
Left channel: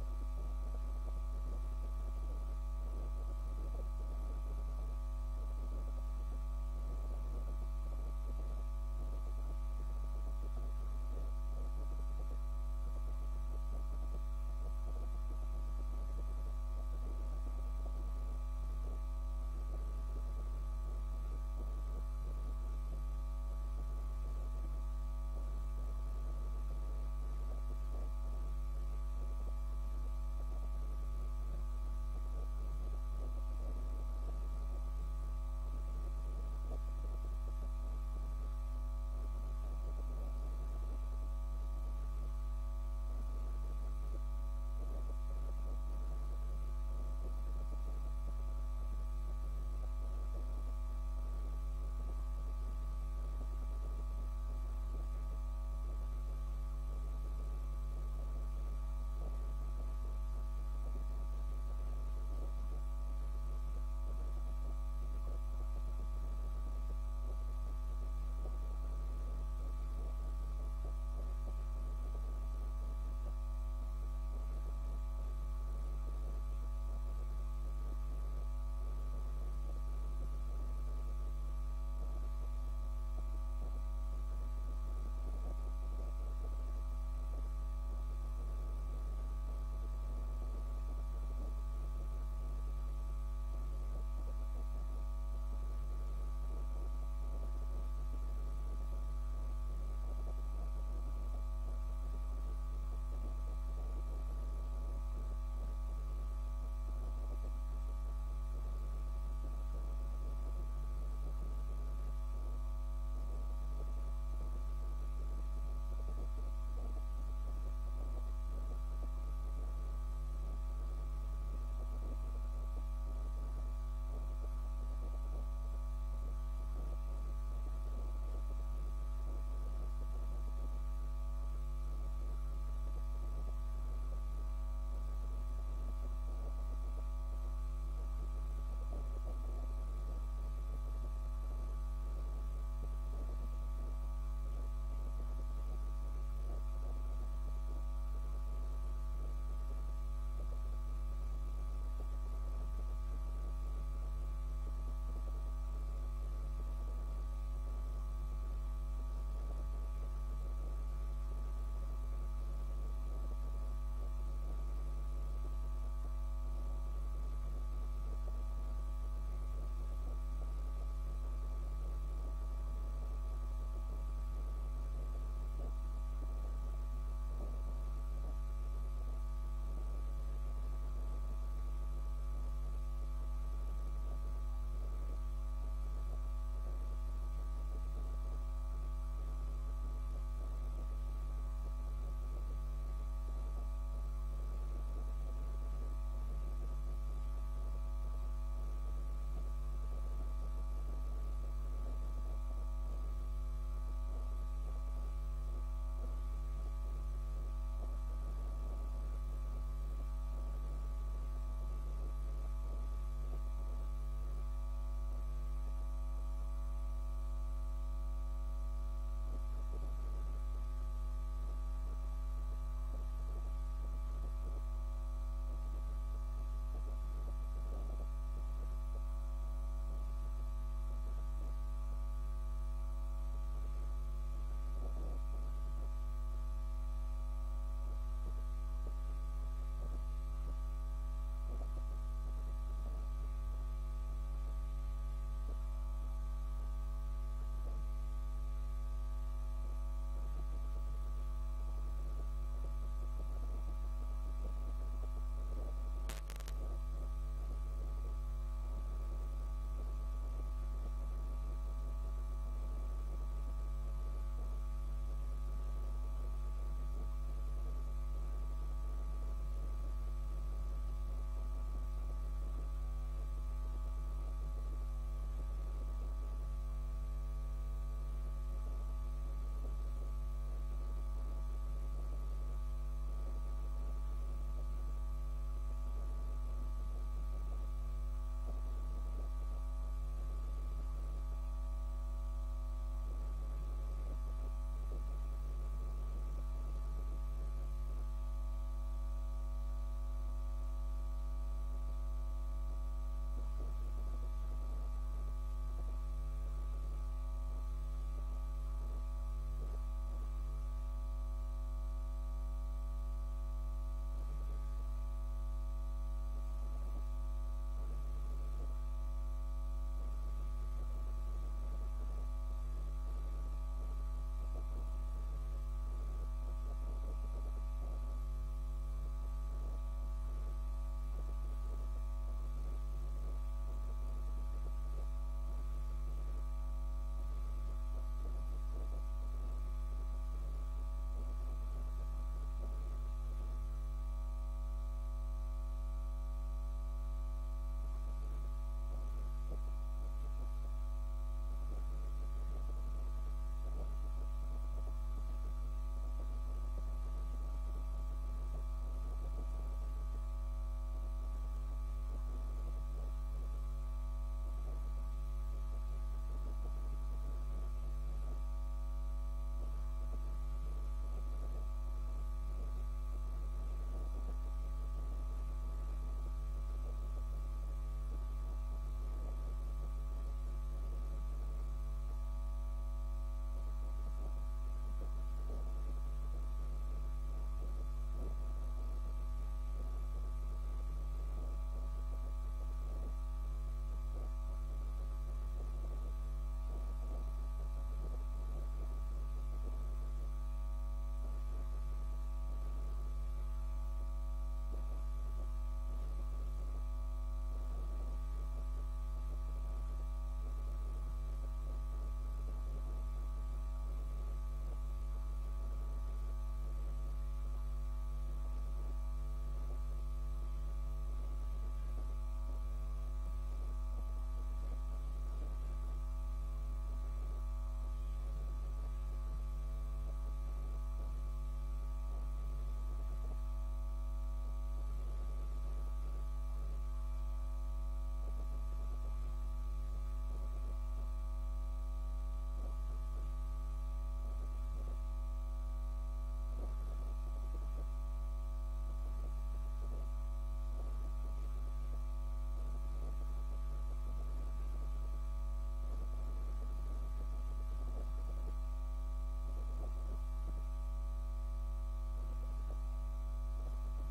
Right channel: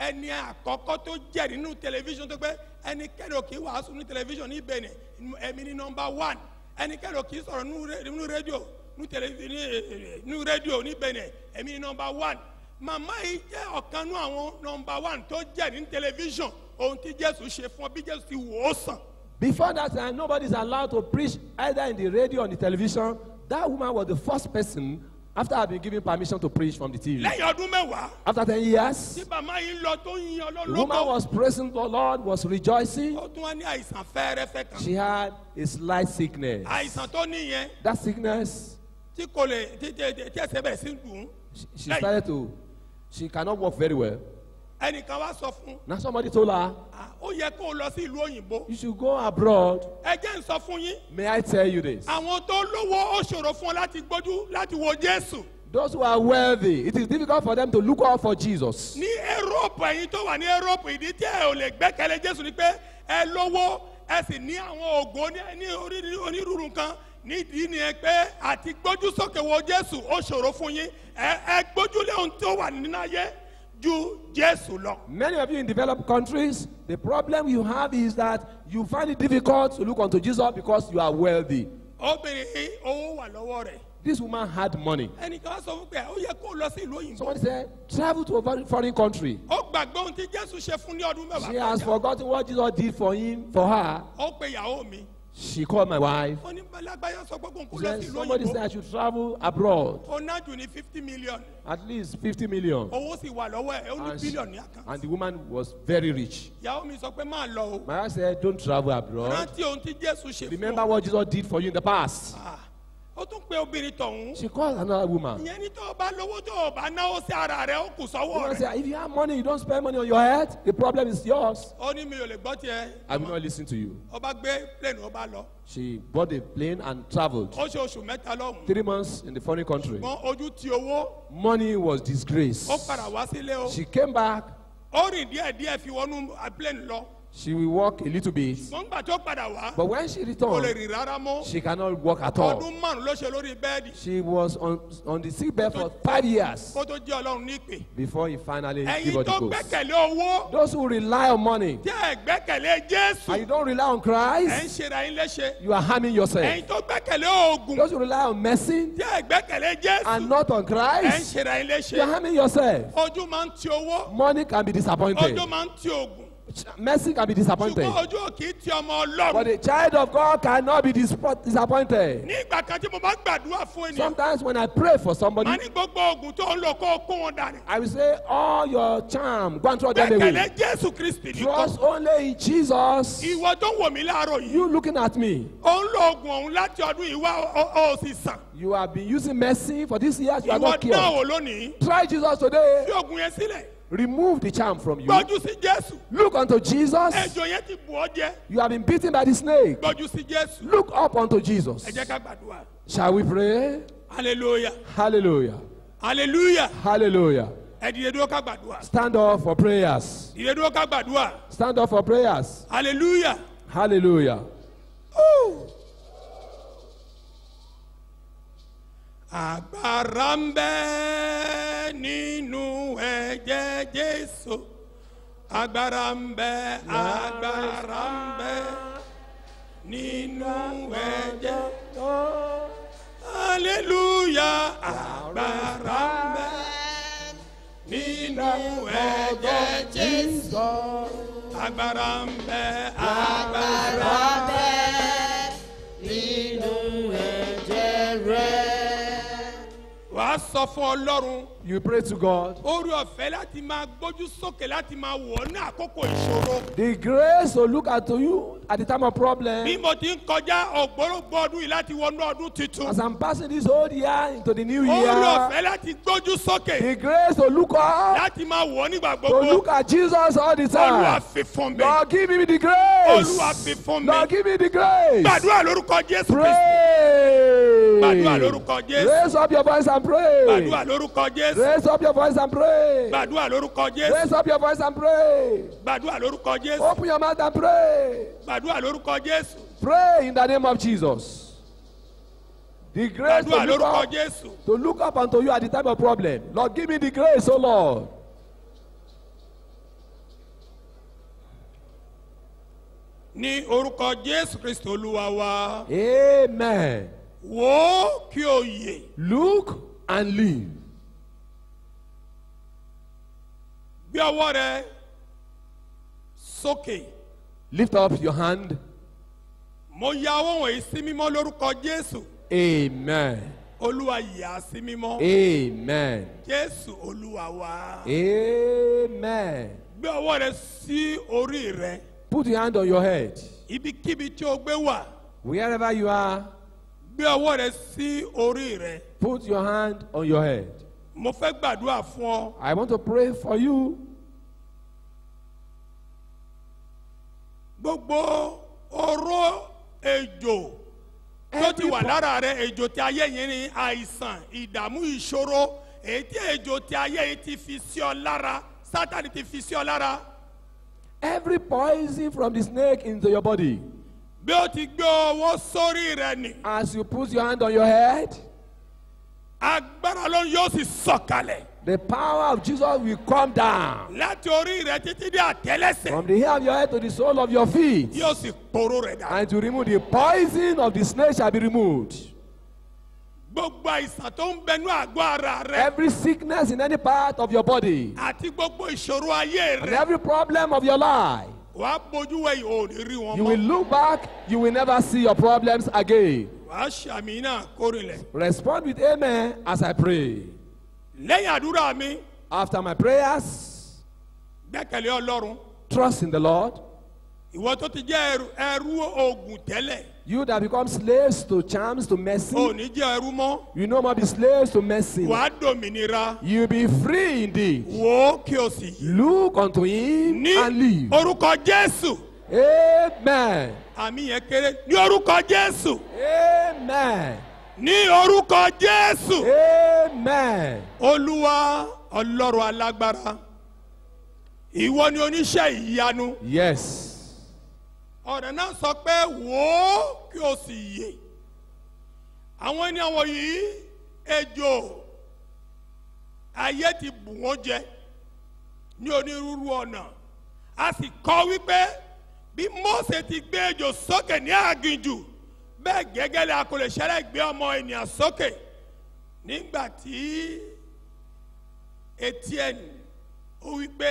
ẹni àkọ́kọ́ tó jẹ́ nínú tẹlifíṣàn tó pé ẹnikẹ́ni ò kì í wàásù ní tẹlifíṣàn ní Benin ẹ̀mí ní nọmba 1 ẹnikẹ́ni ò kì í sọ̀rọ̀ nínú rédíò nínú rédíò ní Benin ẹ̀mí ní nọmba 1 màmá yìí jẹ́ ọ̀kan nínú àwọn nọmba 1 tó jẹ́ ní tẹlifíṣàn ohun tí Jésù ṣe fún ọ bí Jésù ti wò ó sàn. before that time, nobody is allowed to preach either in the radio or on the television. That woman was the first person after having given permission to preach from the TV. Lẹ́yìn ọdún mẹ́wàá After 10 years, tí màmá yìí lọ tó ń yan the woman Ọlọ́run was praising the Lord, was rejoicing. ó tún wá ní àìsàn fẹ́ẹ́rẹ́fẹ́ kan She had a slight sickness. àìsàn tó níyẹn That sickness, tí kò lè tí ẹsẹ̀ bẹ̀rẹ̀ sí dùn. she started to, she cannot walk very well. Ẹnìkan wá sọ fún Now somebody told her, ó yẹ kó o lọ sí ìlú òyìnbó. you should go abroad. Ẹ jẹ́ n sọ fún yín May I tell you this? àwọn tó lówó ó ṣòro fún ọ láti gbójú láti wo Jésù. Those who are wealthy, it is difficult for them to look out for Jesus. Ní Europe ẹ̀yin tó wà ní Europe ìdí tí ẹ ò lè gbẹ́kẹ̀lé Jésù ni pé ẹ lówó ẹ sì ní àwọn ògo ní onírúurú nǹkan nídìí ni ẹ pé àti gbójú sókè wo Jésù ó ṣòro fún yín ẹ gbójúlé ohun tó wà nínú ayé ju Jésù lọ. Many of you in developed countries, the problem you have is that you find it difficult to look unto Jesus because you are wealthy. Obìnrin yìí owó wà lọ́wọ́ rẹ̀. This woman had money. Ẹnìkan wá sọ fún pé ó yẹ kó o lọ sí ìlú òyìnbó. Somebody said, travel to a foreign country. Ó gbàgbé ohun tí Jésù ṣe fún ní ọdún mẹ́wàá She has kọjá. forgotten what Jesus did for him, for her. Ó pe ìyàwó mi. She called my wife. Ó ní Bálágbáyà sọ pé kó n kó She lọ said, sí ìlú somebody said òyìnbó. I should travel abroad. Ó ná jù ní 50 million. At least 50 million. Owó sì wà lọ́wọ́ ẹ̀ ó ní And, she- bílíọ̀nù ní àkáǹtì. and the woman was very rich. Ìyàwó mi sọ pé máa lọ o. My wife said, don't travel abroad. Rántí ohun tí Jésù ṣe fún Remember ọ. what Jesus did for you in the past. Ah, Ó tún pe obìnrin tọ̀hún. She called another woman. Ìyẹn ní tó o bá lówó tó o bá náwó sí ara rẹ̀ ó kù The sọ́wọ́ woman rẹ̀. said, if you have money, you don't spend money on your head, the problem is yours. Ó ní mi ò lè gbọ́ tiẹ̀. I will not listen to you. Ó bá gbé plane ó bá lọ. She bought a plane and traveled. Ó ṣe oṣù mẹ́ta lọ́hùn. 3 months in the foreign country. Ṣùgbọ́n ojú ti owó. Money was disgrace. Ó padà wá sílé o. She came back. Ó rìn díẹ̀díẹ̀ fi wọnú plane lọ. She will walk a little bit. Ṣùgbọ́n gbà tó padà wá. But when she Kò lè returned, rìn rárá mọ́. she cannot walk at all. Ọdún márùn-ún ló ṣe lórí bẹ́ẹ̀dì. She was on the sick bed for 5 years Kó tó jẹ́ Ọlọ́run ní ìpè. before he finally gave Ẹ̀yin her tó the ghost. gbẹ́kẹ̀lé owó. Those who rely on money Tí ẹ gbẹ́kẹ̀lé Jésù. and you don't rely on Ẹ ń Christ, ṣera yín léṣe. you are harming yourself. Ẹ̀yin tó gbẹ́kẹ̀lé oògùn. Those who rely on medicine Tí ẹ gbẹ́kẹ̀lé Jésù. and not on Ẹ ń Christ, ṣera yín léṣe. you are harming yourself. Ojú máa ń ti owó. Money can be disappointed. Ojú máa ń ti oògùn. Mercy can be disappointed. Ṣùgbọ́n ojú ò kì í ti ọmọ But Ọlọ́run. a child of God cannot be disappointed. Ní ìgbà kan tí mo bá gbàdúrà fún ènìyàn. Sometimes when I pray for somebody, Màá ní gbogbo oògùn tó ń lò kó o kó wọn dànù. I will say, all your charm, go and throw them Gbẹ́kẹ̀lé away. Jésù Kristi nìkan. Trust only in Jesus. Ìwọ tó wò mí láàárọ̀ yìí. You looking at me, Ó ń lo oògùn ọ̀hún láti ọdún yìí wá ó sì sàn. you have been using mercy for this years, you are Ìwọ not náà cured. wò lónìí. Try Jesus today. Fi oògùn yẹn sílẹ̀. Remove the charm from you. Gbójú sí Jésù. Look unto Jesus. Ejò yẹn ti bù ọ́ jẹ. You have been beaten by the snake. Gbójú sí Jésù. Look up unto Jesus. Ẹ jẹ́ ká gbàdúrà. Shall we pray? Hallelujah. Hallelujah. Hallelujah. Hallelujah. Ẹ dìde dúró ká gbàdúrà. Stand up for prayers. Dìde dúró ká gbàdúrà. Stand up for prayers. Hallelujah. Hallelujah. Agbára ń bẹ nínú ẹ̀jẹ̀ Jésù. Agbára ń bẹ, agbára ń bẹ nínú ẹ̀jẹ̀. Hallelujah. Agbára ń bẹ nínú ẹ̀jẹ̀ Jésù. Agbára ń bẹ, agbára ń bẹ nínú ẹ̀jẹ̀ rẹ̀. Wàá sọ fún Ọlọ́run. You pray to God. Orí ọ̀fẹ́ láti máa gbójú sókè láti máa wọ̀ ọ́ ní àkókò ìṣòro. The grace to look at you at the time of problem. Bí mo ti ń kọjá ògbólógbò ọdún yìí láti wọnú ọdún tuntun. As I'm passing this old year into the new Orí year. ọ̀fẹ́ láti gbójú sókè. The grace to look up. Láti máa wọ̀ ọ́ nígbà To gbogbo. look at Jesus all the Olúwa time. fi fún mi. Lord, give me the grace. Olúwa fi fún mi. Lord, give me the grace. Gbàdúrà lórúkọ Jésù Kristi. Pray. Gbàdúrà lórúkọ Jésù. Raise up your voice and pray. Gbàdúrà lórúkọ Jésù. Raise up your voice and pray. Gbàdúrà lórúkọ Jésù. Raise up your voice and pray. Gbàdúrà lórúkọ Jésù. Open your mouth and pray. Gbàdúrà lórúkọ Jésù. Pray in the name of Jesus. The grace Gbàdúrà to look lórúkọ up, Jésù. to look up unto you at the time of problem. Lord, give me the grace, oh Lord. Ní orúkọ Jésù Kristi Olúwa wa. Amen. Wò ó kí o yè. Look and live. Gbé ọwọ́ rẹ sókè. Lift up your hand. Mo ya ọwọ́ wọ̀nyí sí mímọ́ lórúkọ Jésù. Amen. Olúwa yà á sí mímọ́. Amen. Jésù Olúwa wa. Amen. Gbé ọwọ́ rẹ sí orí rẹ. Put your hand on your head. Ibikíbi tí o gbé wà. Wherever you are, Gbé ọwọ́ rẹ sí orí rẹ. put your hand on your head. Mo fẹ́ gbàdúrà fún ọ. I want to pray for you. Gbogbo oró ejò tó ti wà lára rẹ, ejò tí ayé yẹn ní àìsàn, ìdààmú, ìṣòro, èyí tí ejò tí ayé yìí ti fi sí ọ lára, Sátánì ti fi sí ọ lára. Every poison from the snake into your body. Bí o ti gbé ọwọ́ sórí rẹ ni, As you put your hand on your head, agbára ló yóò sì sọ̀kalẹ̀ the power of Jesus will come down. láti orí rẹ títí dé àtẹ́lẹsẹ̀, From the hair of your head to the sole of your feet. yóò sì poró rẹ̀ dà. And to remove the poison of the snake shall be removed. Gbogbo àìsàn tó ń bẹnu àgọ́ ara rẹ Every sickness in any part of your body. àti gbogbo ìṣòro ayé And rẹ, every problem of your life. wàá bójú wẹ̀yìn ò ní rí wọn You will mọ́. look back, you will never see your problems again. Wàá ṣàmì náà kórìlẹ̀. Respond with amen as I pray. Lẹ́yìn àdúrà mi, After my prayers, gbẹ́kẹ̀lé Ọlọ́run. trust in the Lord. Ìwọ tó ti jẹ́ ẹrú oògùn tẹ́lẹ̀, You that become slaves to charms, to ò mercy, ní jẹ́ ẹrú mọ́. you no more be slaves to mercy. Wàá dòmìnira. You be free indeed. Wò ó kí o sì yí. Look unto him Ní and live. orúkọ Jésù. Amen. Àmì yẹn kéré. Ní orúkọ Jésù. Amen. Ní orúkọ Jésù. Amen. Olúwa Ọlọ́run alágbára. Ìwọ ni oníṣẹ́ ìyanu. Yes. Ọ̀rẹ́ náà sọ pé wò ó kí o sì yè. Àwọn ènìyàn wọ̀nyí ejò ayé ti bù wọ́n jẹ ní onírúurú ọ̀nà. A sì kọ wípé bí Mósè ti gbé ejò sókè ní aginjù, bẹ́ẹ̀ gẹ́gẹ́ lẹ́ a kò lè ṣẹlẹ̀ gbé ọmọ ènìyàn sókè. Nígbà tí Étíẹ́nì ó wípé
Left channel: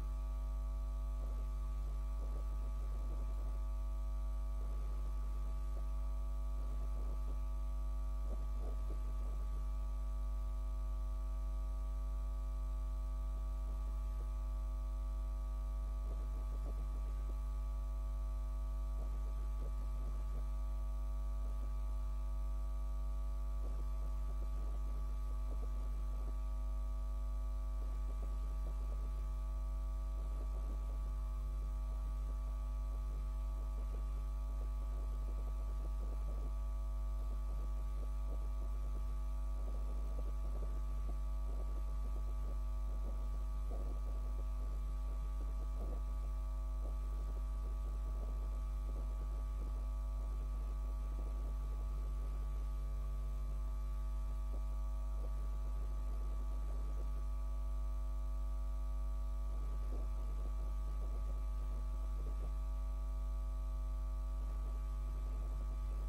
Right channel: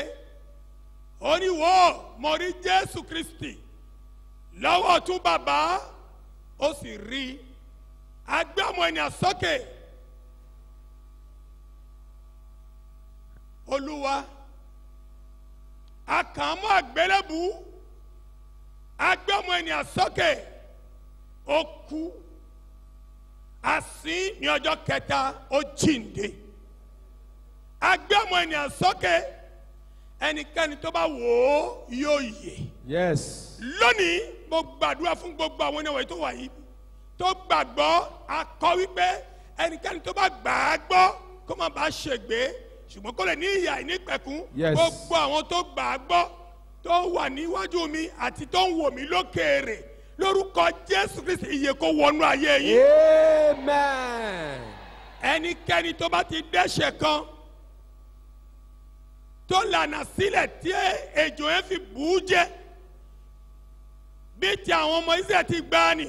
ó ní wò ó mo rí Jésù Kristi lọ́wọ́ ọ̀tún bàbá, ó sì rí a gbé ọmọ ènìyàn sókè. Olúwa a kàn án mọ́ àgbélébù, a gbé ọmọ ènìyàn sókè, ó kú, a sìn ní ọjọ́ kẹta, ó jíǹde. A gbé ọmọ ènìyàn sókè, ẹnikẹ́ni tó bá wò ó yóò yè. Yes. Lónìí mo gbàdúrà fún gbogbo àwọn ènìyàn tó wà yìí tó gbàgbọ́, akọ wípé ẹnikẹ́ni tó bá gbà á gbọ́ kó má bàa ṣègbé ṣùgbọ́n kó lè ní ìyà ìnípẹ̀kún. Yes. Gbogbo àwọn tó gbà á gbọ́ tó wà níwájú mi àti tó ń wò mí lókèèrè, lórúkọ Jésù Kristi ìyè kó wọnú ayé yín. Amen. Ẹnikẹ́ni tó bá ti dẹ́ṣẹ̀ kan tó lànà sílẹ̀ tí ejò yẹn fi bù ú jẹ bí ti àwọn ọmọ Ísírẹ́lì ti gbà ní,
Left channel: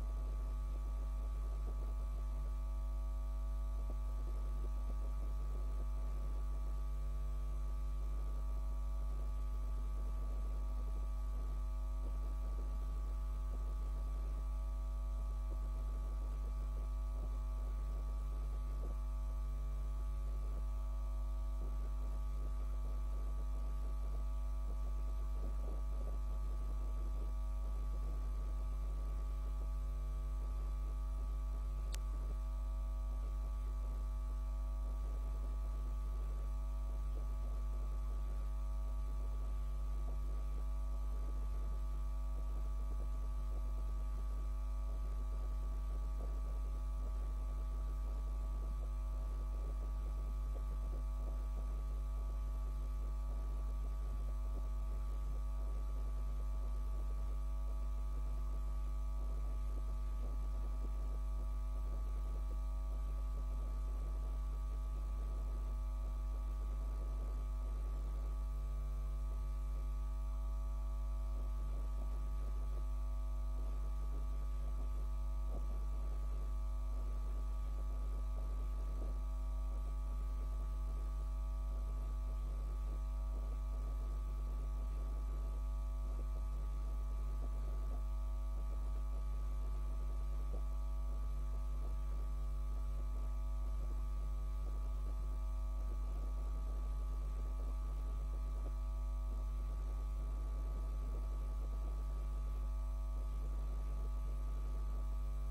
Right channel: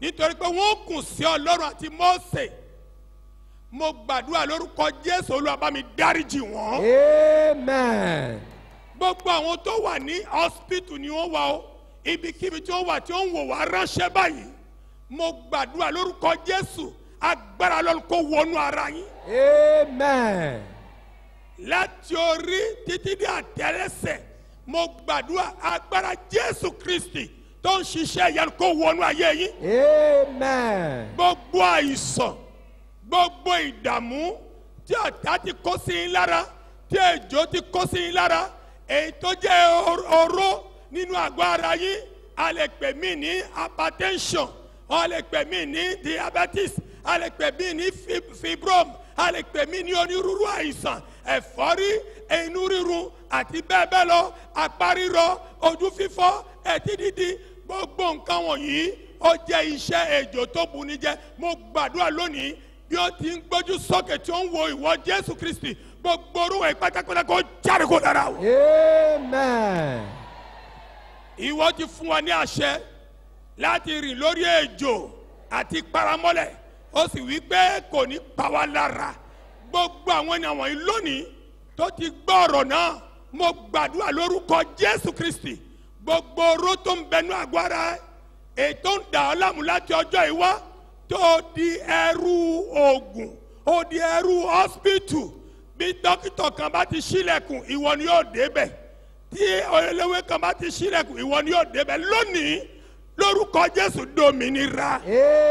nítorí pé wọ́n kùn sí Ọlọ́run àti Mósè. Mo gbàdúrà lórúkọ Jésù, Olúwa bá mi dáríjì wọ́n. Amen. Gbogbo àwọn tó wà ní hospital ni wọ́n wà ó, ibikíbi tí wọ́n wà tí wọ́n ń wò wá ránṣẹ́ báyìí. Mo gbàdúrà lórúkọ Jésù, agbára Ọlọ́run kó wọnú ara yín. Amen. láti orí títí dé àtẹ́lẹsẹ̀ mo gbàdúrà agbára Jésù Kristi tó ń ṣiṣẹ́ ìyanu kó wọnú ayé yín. Amen. Gbogbo àìsàn gbogbo ìdààmú tí ọ̀tá ti kó sí yín lára tí ejò ti kó sí yín lára èyí tó jẹ́ oró nínú àgọ́ ara yín a lè pè mí ní hypertension a lè pè mí ní diabetes a lè pè mí ní fibrom a lè pè mí ní onírúurú àìsàn ẹ̀fọ́rí inú rírun àti bẹ́ẹ̀ bẹ́ẹ̀ lọ apá rírọ ojú fífọ́ ẹ̀tí dídí gbogbo nǹkan wọ̀nyí ó jẹ́ iṣẹ́ ejò tó buni jẹ́. Mo gbàdúrà lónìí bí ó ti ń gbójú sókè tí ó ń wo ìwọ Jésù Kristi gbogbo orúkọ ìpátákọ́lá kó jáde kó dára o. Amen. Ìwọ ti fún wa ní àṣẹ láti rìn lórí ejò àti paramọ́lẹ̀ ó sì wí pé kò ní pa wá lára. Gbogbo àwọn ènìyàn wọ̀nyí lónìí tó ti gbọ́ ọ̀rọ̀ náà mo gbàdúrà lórúkọ Jésù Kristi gbogbo oró tó ń bẹnu àgọ́ ara ètò ń dà ọ́ láàmú láti ọjọ́ ìwá tó di ẹrú oògùn ó di ẹrú hospital bí dókítà kan bá ti ṣílẹ̀kùn ìwọ ni yóò débẹ̀ tí eléwé kan bá ti ṣílẹ̀kùn ìwọ ni yóò débẹ̀ lónìí lórúkọ Jésù dominira.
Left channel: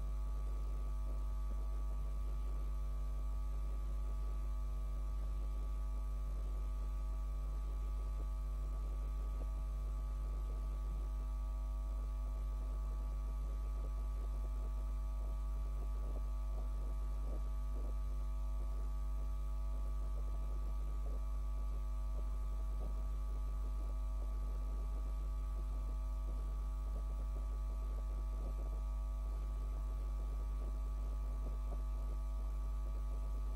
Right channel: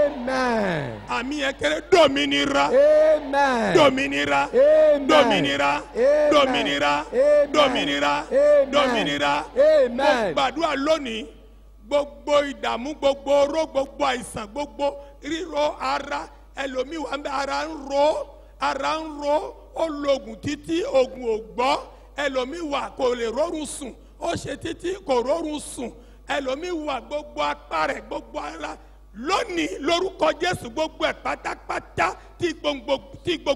Amen. Àmì yẹn kéré dominira. Amen. Dominira. Amen. Dominira. Amen. Dominira. Amen. Dominira. Amen. Dominira. Amen. Mo gbàdúrà lónìí gbogbo ìdààmú gbogbo oró gbogbo àìsàn gbogbo ríro ara ẹlòmíì wà ń bẹ ara ń ro ó lo oògùn títí oògùn ò gbọ́ ẹlòmíì wà kò lè rọrùn sùn ó ṣe títí kò rọrùn sùn ẹlòmíì wà gbogbo apá rẹ̀ gbogbo ara lónìí lórúkọ Jésù gbogbo ẹ̀ pátápátá tí gbòǹgbò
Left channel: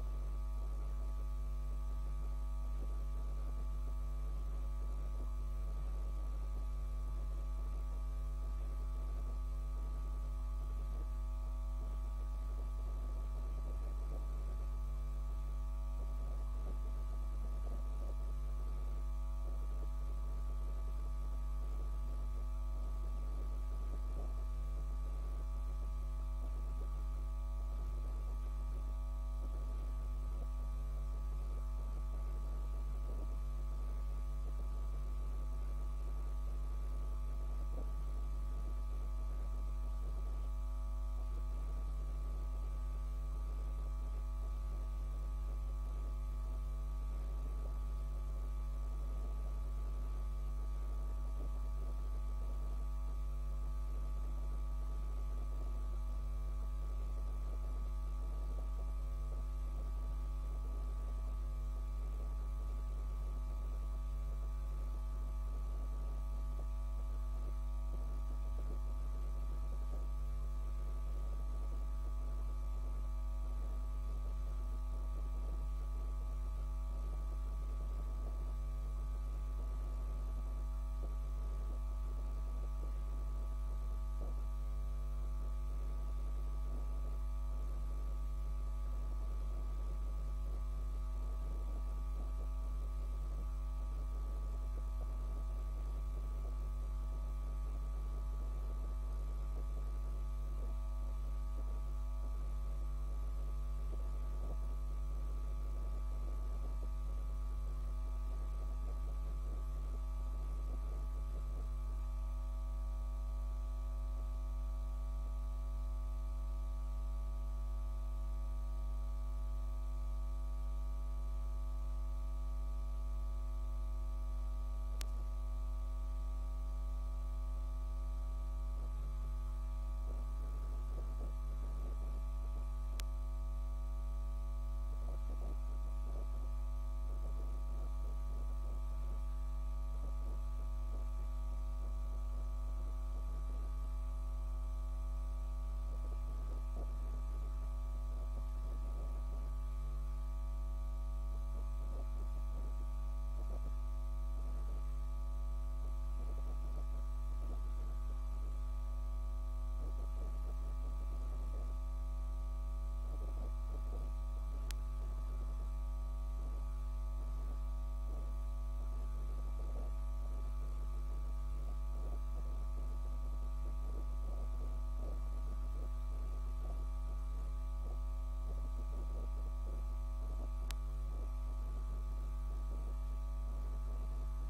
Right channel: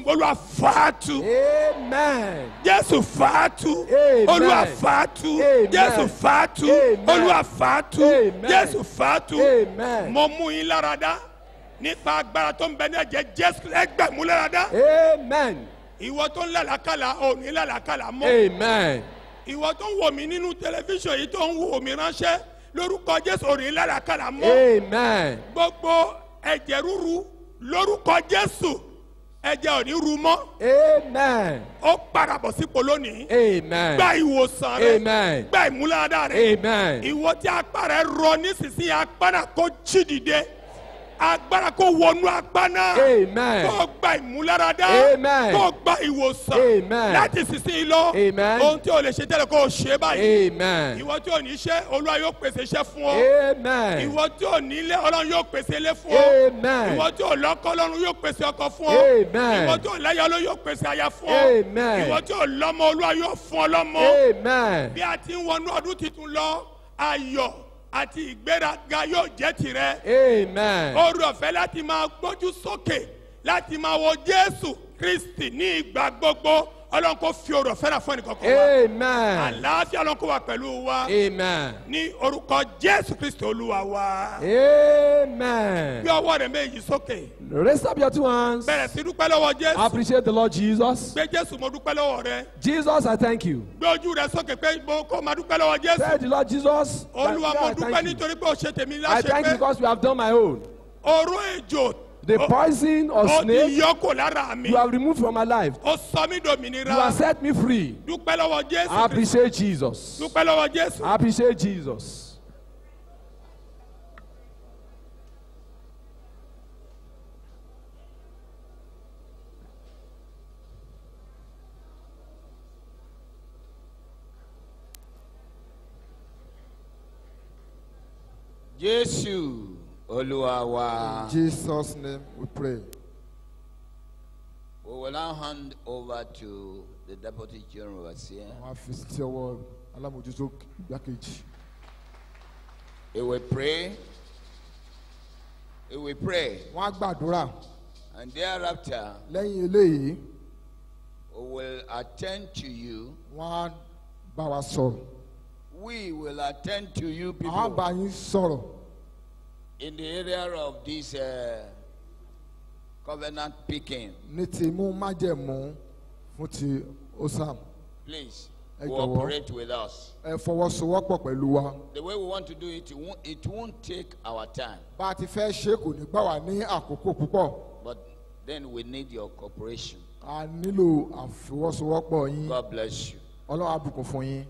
Olúwa fàátù. Amen. Jésù fàátù. Amen. Olúwa fàátù. Amen. Jésù fàátù. Amen. Olúwa fàátù. Amen. Jésù fàátù. Amen. Mo mú yín láradá nípa agbára tó ń bẹ ní ẹ̀jẹ̀ Jésù ẹgbẹ̀mú láradá. Amen. Ìwọ tó ń lálàkàlà ò ní lálàkàlà mọ́. Amen. Ìwọ tó ń wò mí nínú tẹlifíṣàn yìí tó ń wò mí ránṣẹ́ lórúkọ Jésù ò ní lálàkàlà mọ́. Amen. Gbogbo ẹ̀jẹ̀ rúru lórúkọ Jésù ẹ̀jẹ̀ ò ní ru mọ́. Amen. Ó parabọ̀ sípò lónìí. Amen. Gba ìwòsàn rẹ. Amen. Gba ìmúláradá rẹ. Amen. Ìwọ tí apá rẹ rọ nísinsìnyí apá náà kó jí dìde. Agbára kó wọnú apá náà. Amen. Kó gba ìmúláradá. Amen. Kó gba ìwòsàn. Amen. Láti sísìn lọ. Amen. Ohun tí o lè ṣe tẹ́lẹ̀ kó o ṣe báyìí. Amen. Ìwọ tí o ní iṣẹ́ Olúwa yóò pèsè iṣẹ́ fún ọ. Amen. Ìwọ tí o ní ilé Ọlọ́run yóò pèsè ilé fún ọ. Amen. Ìwọ tí o lọ́kọ Ọlọ́run yóò pèsè ọkọ fún ọ. Amen. Ìwọ tí o láya Ọlọ́run yóò pèsè aya fún ọ. Amen. Ìwọ tí o lọ́mọ Olúwa yóò fún ọ lọ́mọ. Amen. Bí a ti ń wọnú ọdún tuntun lọ ayọ̀ àti ìgbéraga yóò jẹ́ tirẹ̀. Amen. Oore ọ̀fẹ́ láti máa gbójú sókè láti máa wo Jésù Kristi ní ìgbà gbogbo Ọlọ́run kó fi oore ọ̀fẹ́ náà fún ẹnìkankan wa. Amen. Àlàáfíà Ọlọ́run kó wà pẹ̀lú wa. Amen. Ní orúkọ Jésù Kristi Olúwa wa. Amen. Gbé ọwọ́ rẹ̀ méjì sókè. Raise up your two hands. Bẹ̀rẹ̀ sí dúpẹ́ lọ́wọ́ Jésù. Appreciate the Lord Jesus. Gbé Jésù mo dúpẹ́ lọ́wọ́ rẹ. Jesus, I thank you. Gbé ojú rẹ sókè pé mo kó máa dúpẹ́ lọ́wọ́ Jésù. Say the Lord Jesus. Olúwa mo I dúpẹ́ thank you. nítorí pé o ṣe tèmi I thank you láṣẹ pé because you have done my own. oró ejò The poison of ó ti snake yọ kò lára mi. you have removed from my life. Ó sọ mí You have dòmìnira. set me free. Dúpẹ́ lọ́wọ́ I Jésù Kristi. appreciate Jesus. Dúpẹ́ lọ́wọ́ Jésù. I appreciate Jesus. Jésù Olúwa wa. In Jesus' name we pray. We will now hand over to the Deputy General Overseer. Wọ́n á fi sí ọwọ́ alámòjútó igbákejì. He will pray. He will pray. Wọ́n á gbàdúrà. And thereafter, Lẹ́yìn eléyìí, we will attend to you. wọ́n á bá wa sọ̀rọ̀. We will attend to you Àwọn á bá people yín sọ̀rọ̀ in the area of this covenant picking. ní ti mú májẹ̀mú fún ti OSAM. Please Ẹ jọ̀wọ́. cooperate with us. Ẹ fọwọ́sowọ́pọ̀ pẹ̀lú wa. The way we want to do it, it won't take our time. Bá a ti fẹ́ ṣe kò ní gbà wá ní àkókò púpọ̀. But then we need your cooperation. A nílò àfọwọ́sowọ́pọ̀ yín. God bless you. Ọlọ́run á bùkún fún yín.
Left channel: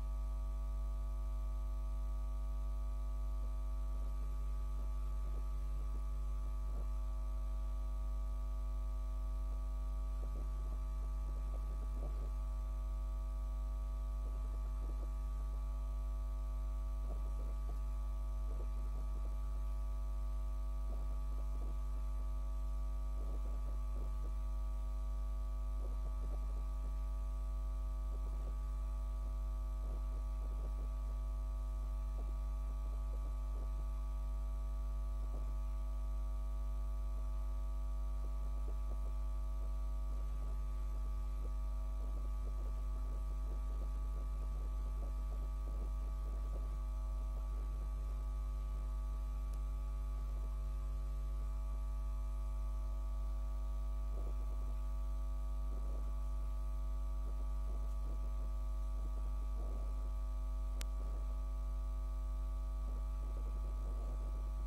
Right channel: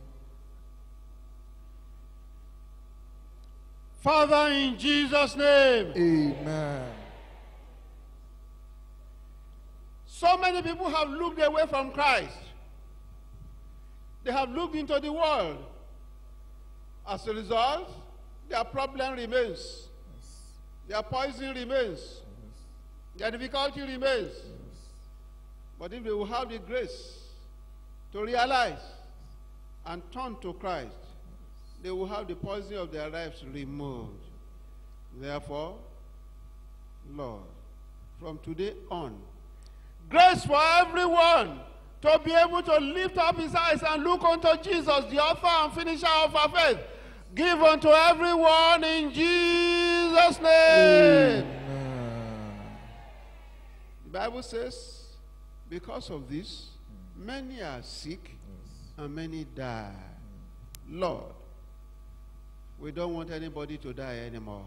Father, in Jesus' name. Amen. So many people have looked away from Christ. They have looked into the world. As a result, their problem remains. Their poison remains. Their difficulty remains. But if they will have the grace to realize and turn to Christ, they will have the poison of their lives removed. Therefore, Lord, from today on, grace for everyone to be able to lift up his eyes and look unto Jesus, the author and finisher of our faith. Give unto everyone in Jesus' name. The Bible says, because of this, many are sick and many die. Lord, we don't want anybody to die anymore.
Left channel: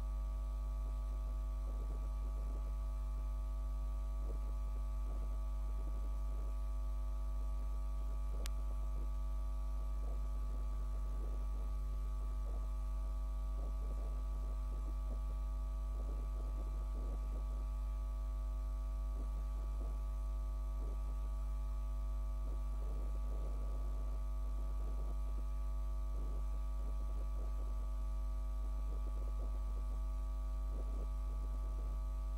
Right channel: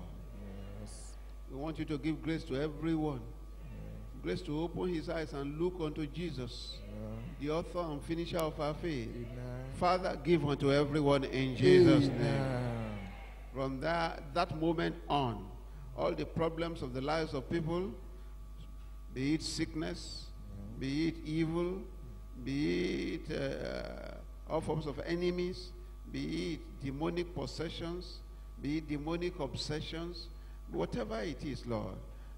We want you to give grace to everyone. Grace to open his eyes and look unto Jesus, the author and finisher of our faith. Father, give unto everyone in Jesus' name. From that moment on, all the problems of the lives of people, be it sickness, be it evil, be it all forms of enemies, be it demonic possessions, be it demonic obsessions, whatever it is, Lord,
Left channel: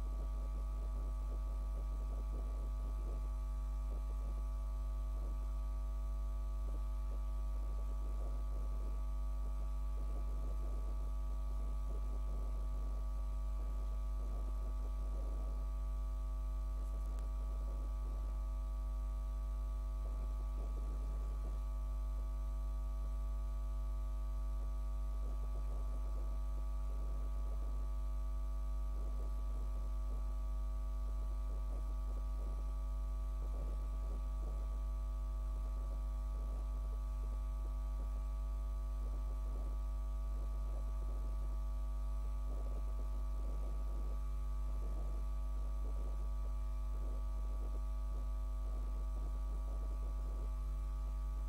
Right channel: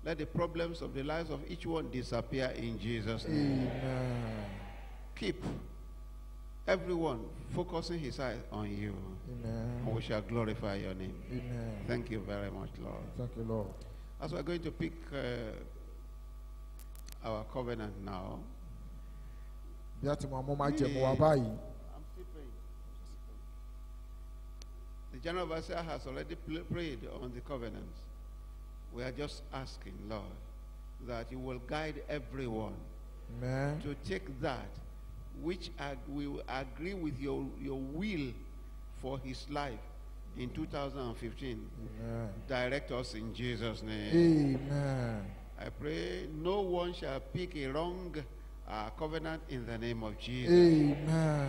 let the problems of the lives of each one disappear in Jesus' name. Amen. Keep everyone focusing his eyes on you. Amen. And we shall glorify your name. Amen. Thank you very much, Lord. Thank you, Lord. As we're going to pick our covenant now, Bí a ti mọ ọmọ máa jẹ̀mú wa báyìí. the general overseer has already prayed on the covenant. We are just asking, Lord, that you will guide everyone Amen. to take that which will agree with your will for his life in 2015. Amen. Direct us in Jesus' name. Amen. I pray no one shall pick a wrong covenant in the name of Jesus. Amen.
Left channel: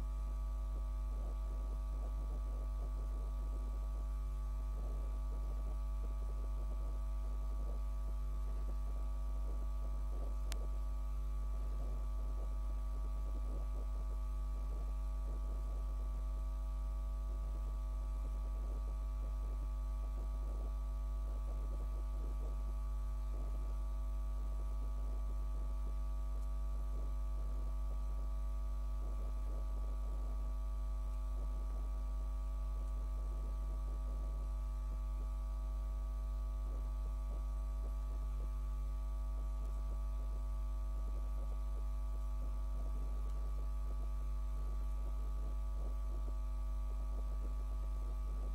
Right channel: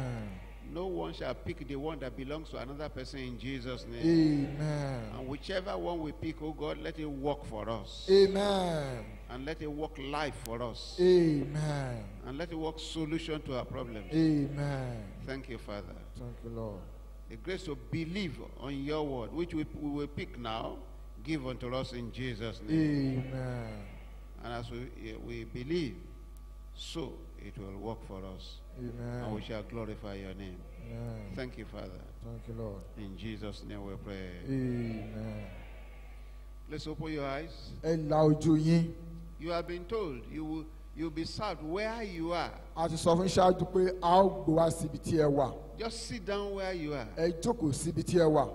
No one shall pick the one that belongs to another person in Jesus' name. Amen. And whichever one we pick, oh God, let it work for us. Amen. And let it work life for us. Amen. And let it work solution to our problems. Amen. Thank you, Father. Thank you, Lord. The grace to believe on your word, which we will pick now, give unto us in Jesus' name. Amen. And as we believe, so it will work for us. Amen. And we shall glorify your name. Amen. Thank you, Father. Thank you, Lord. In Jesus' name we pray. Amen. Let's open your eyes. Ẹ la ojú yín. You have been told you'll be served where you are. A ti sọ fún ṣáájú pé a ó gbé wá síbi tí ẹ wà. Just sit down where you are. Ẹ jókòó síbi tí ẹ wà.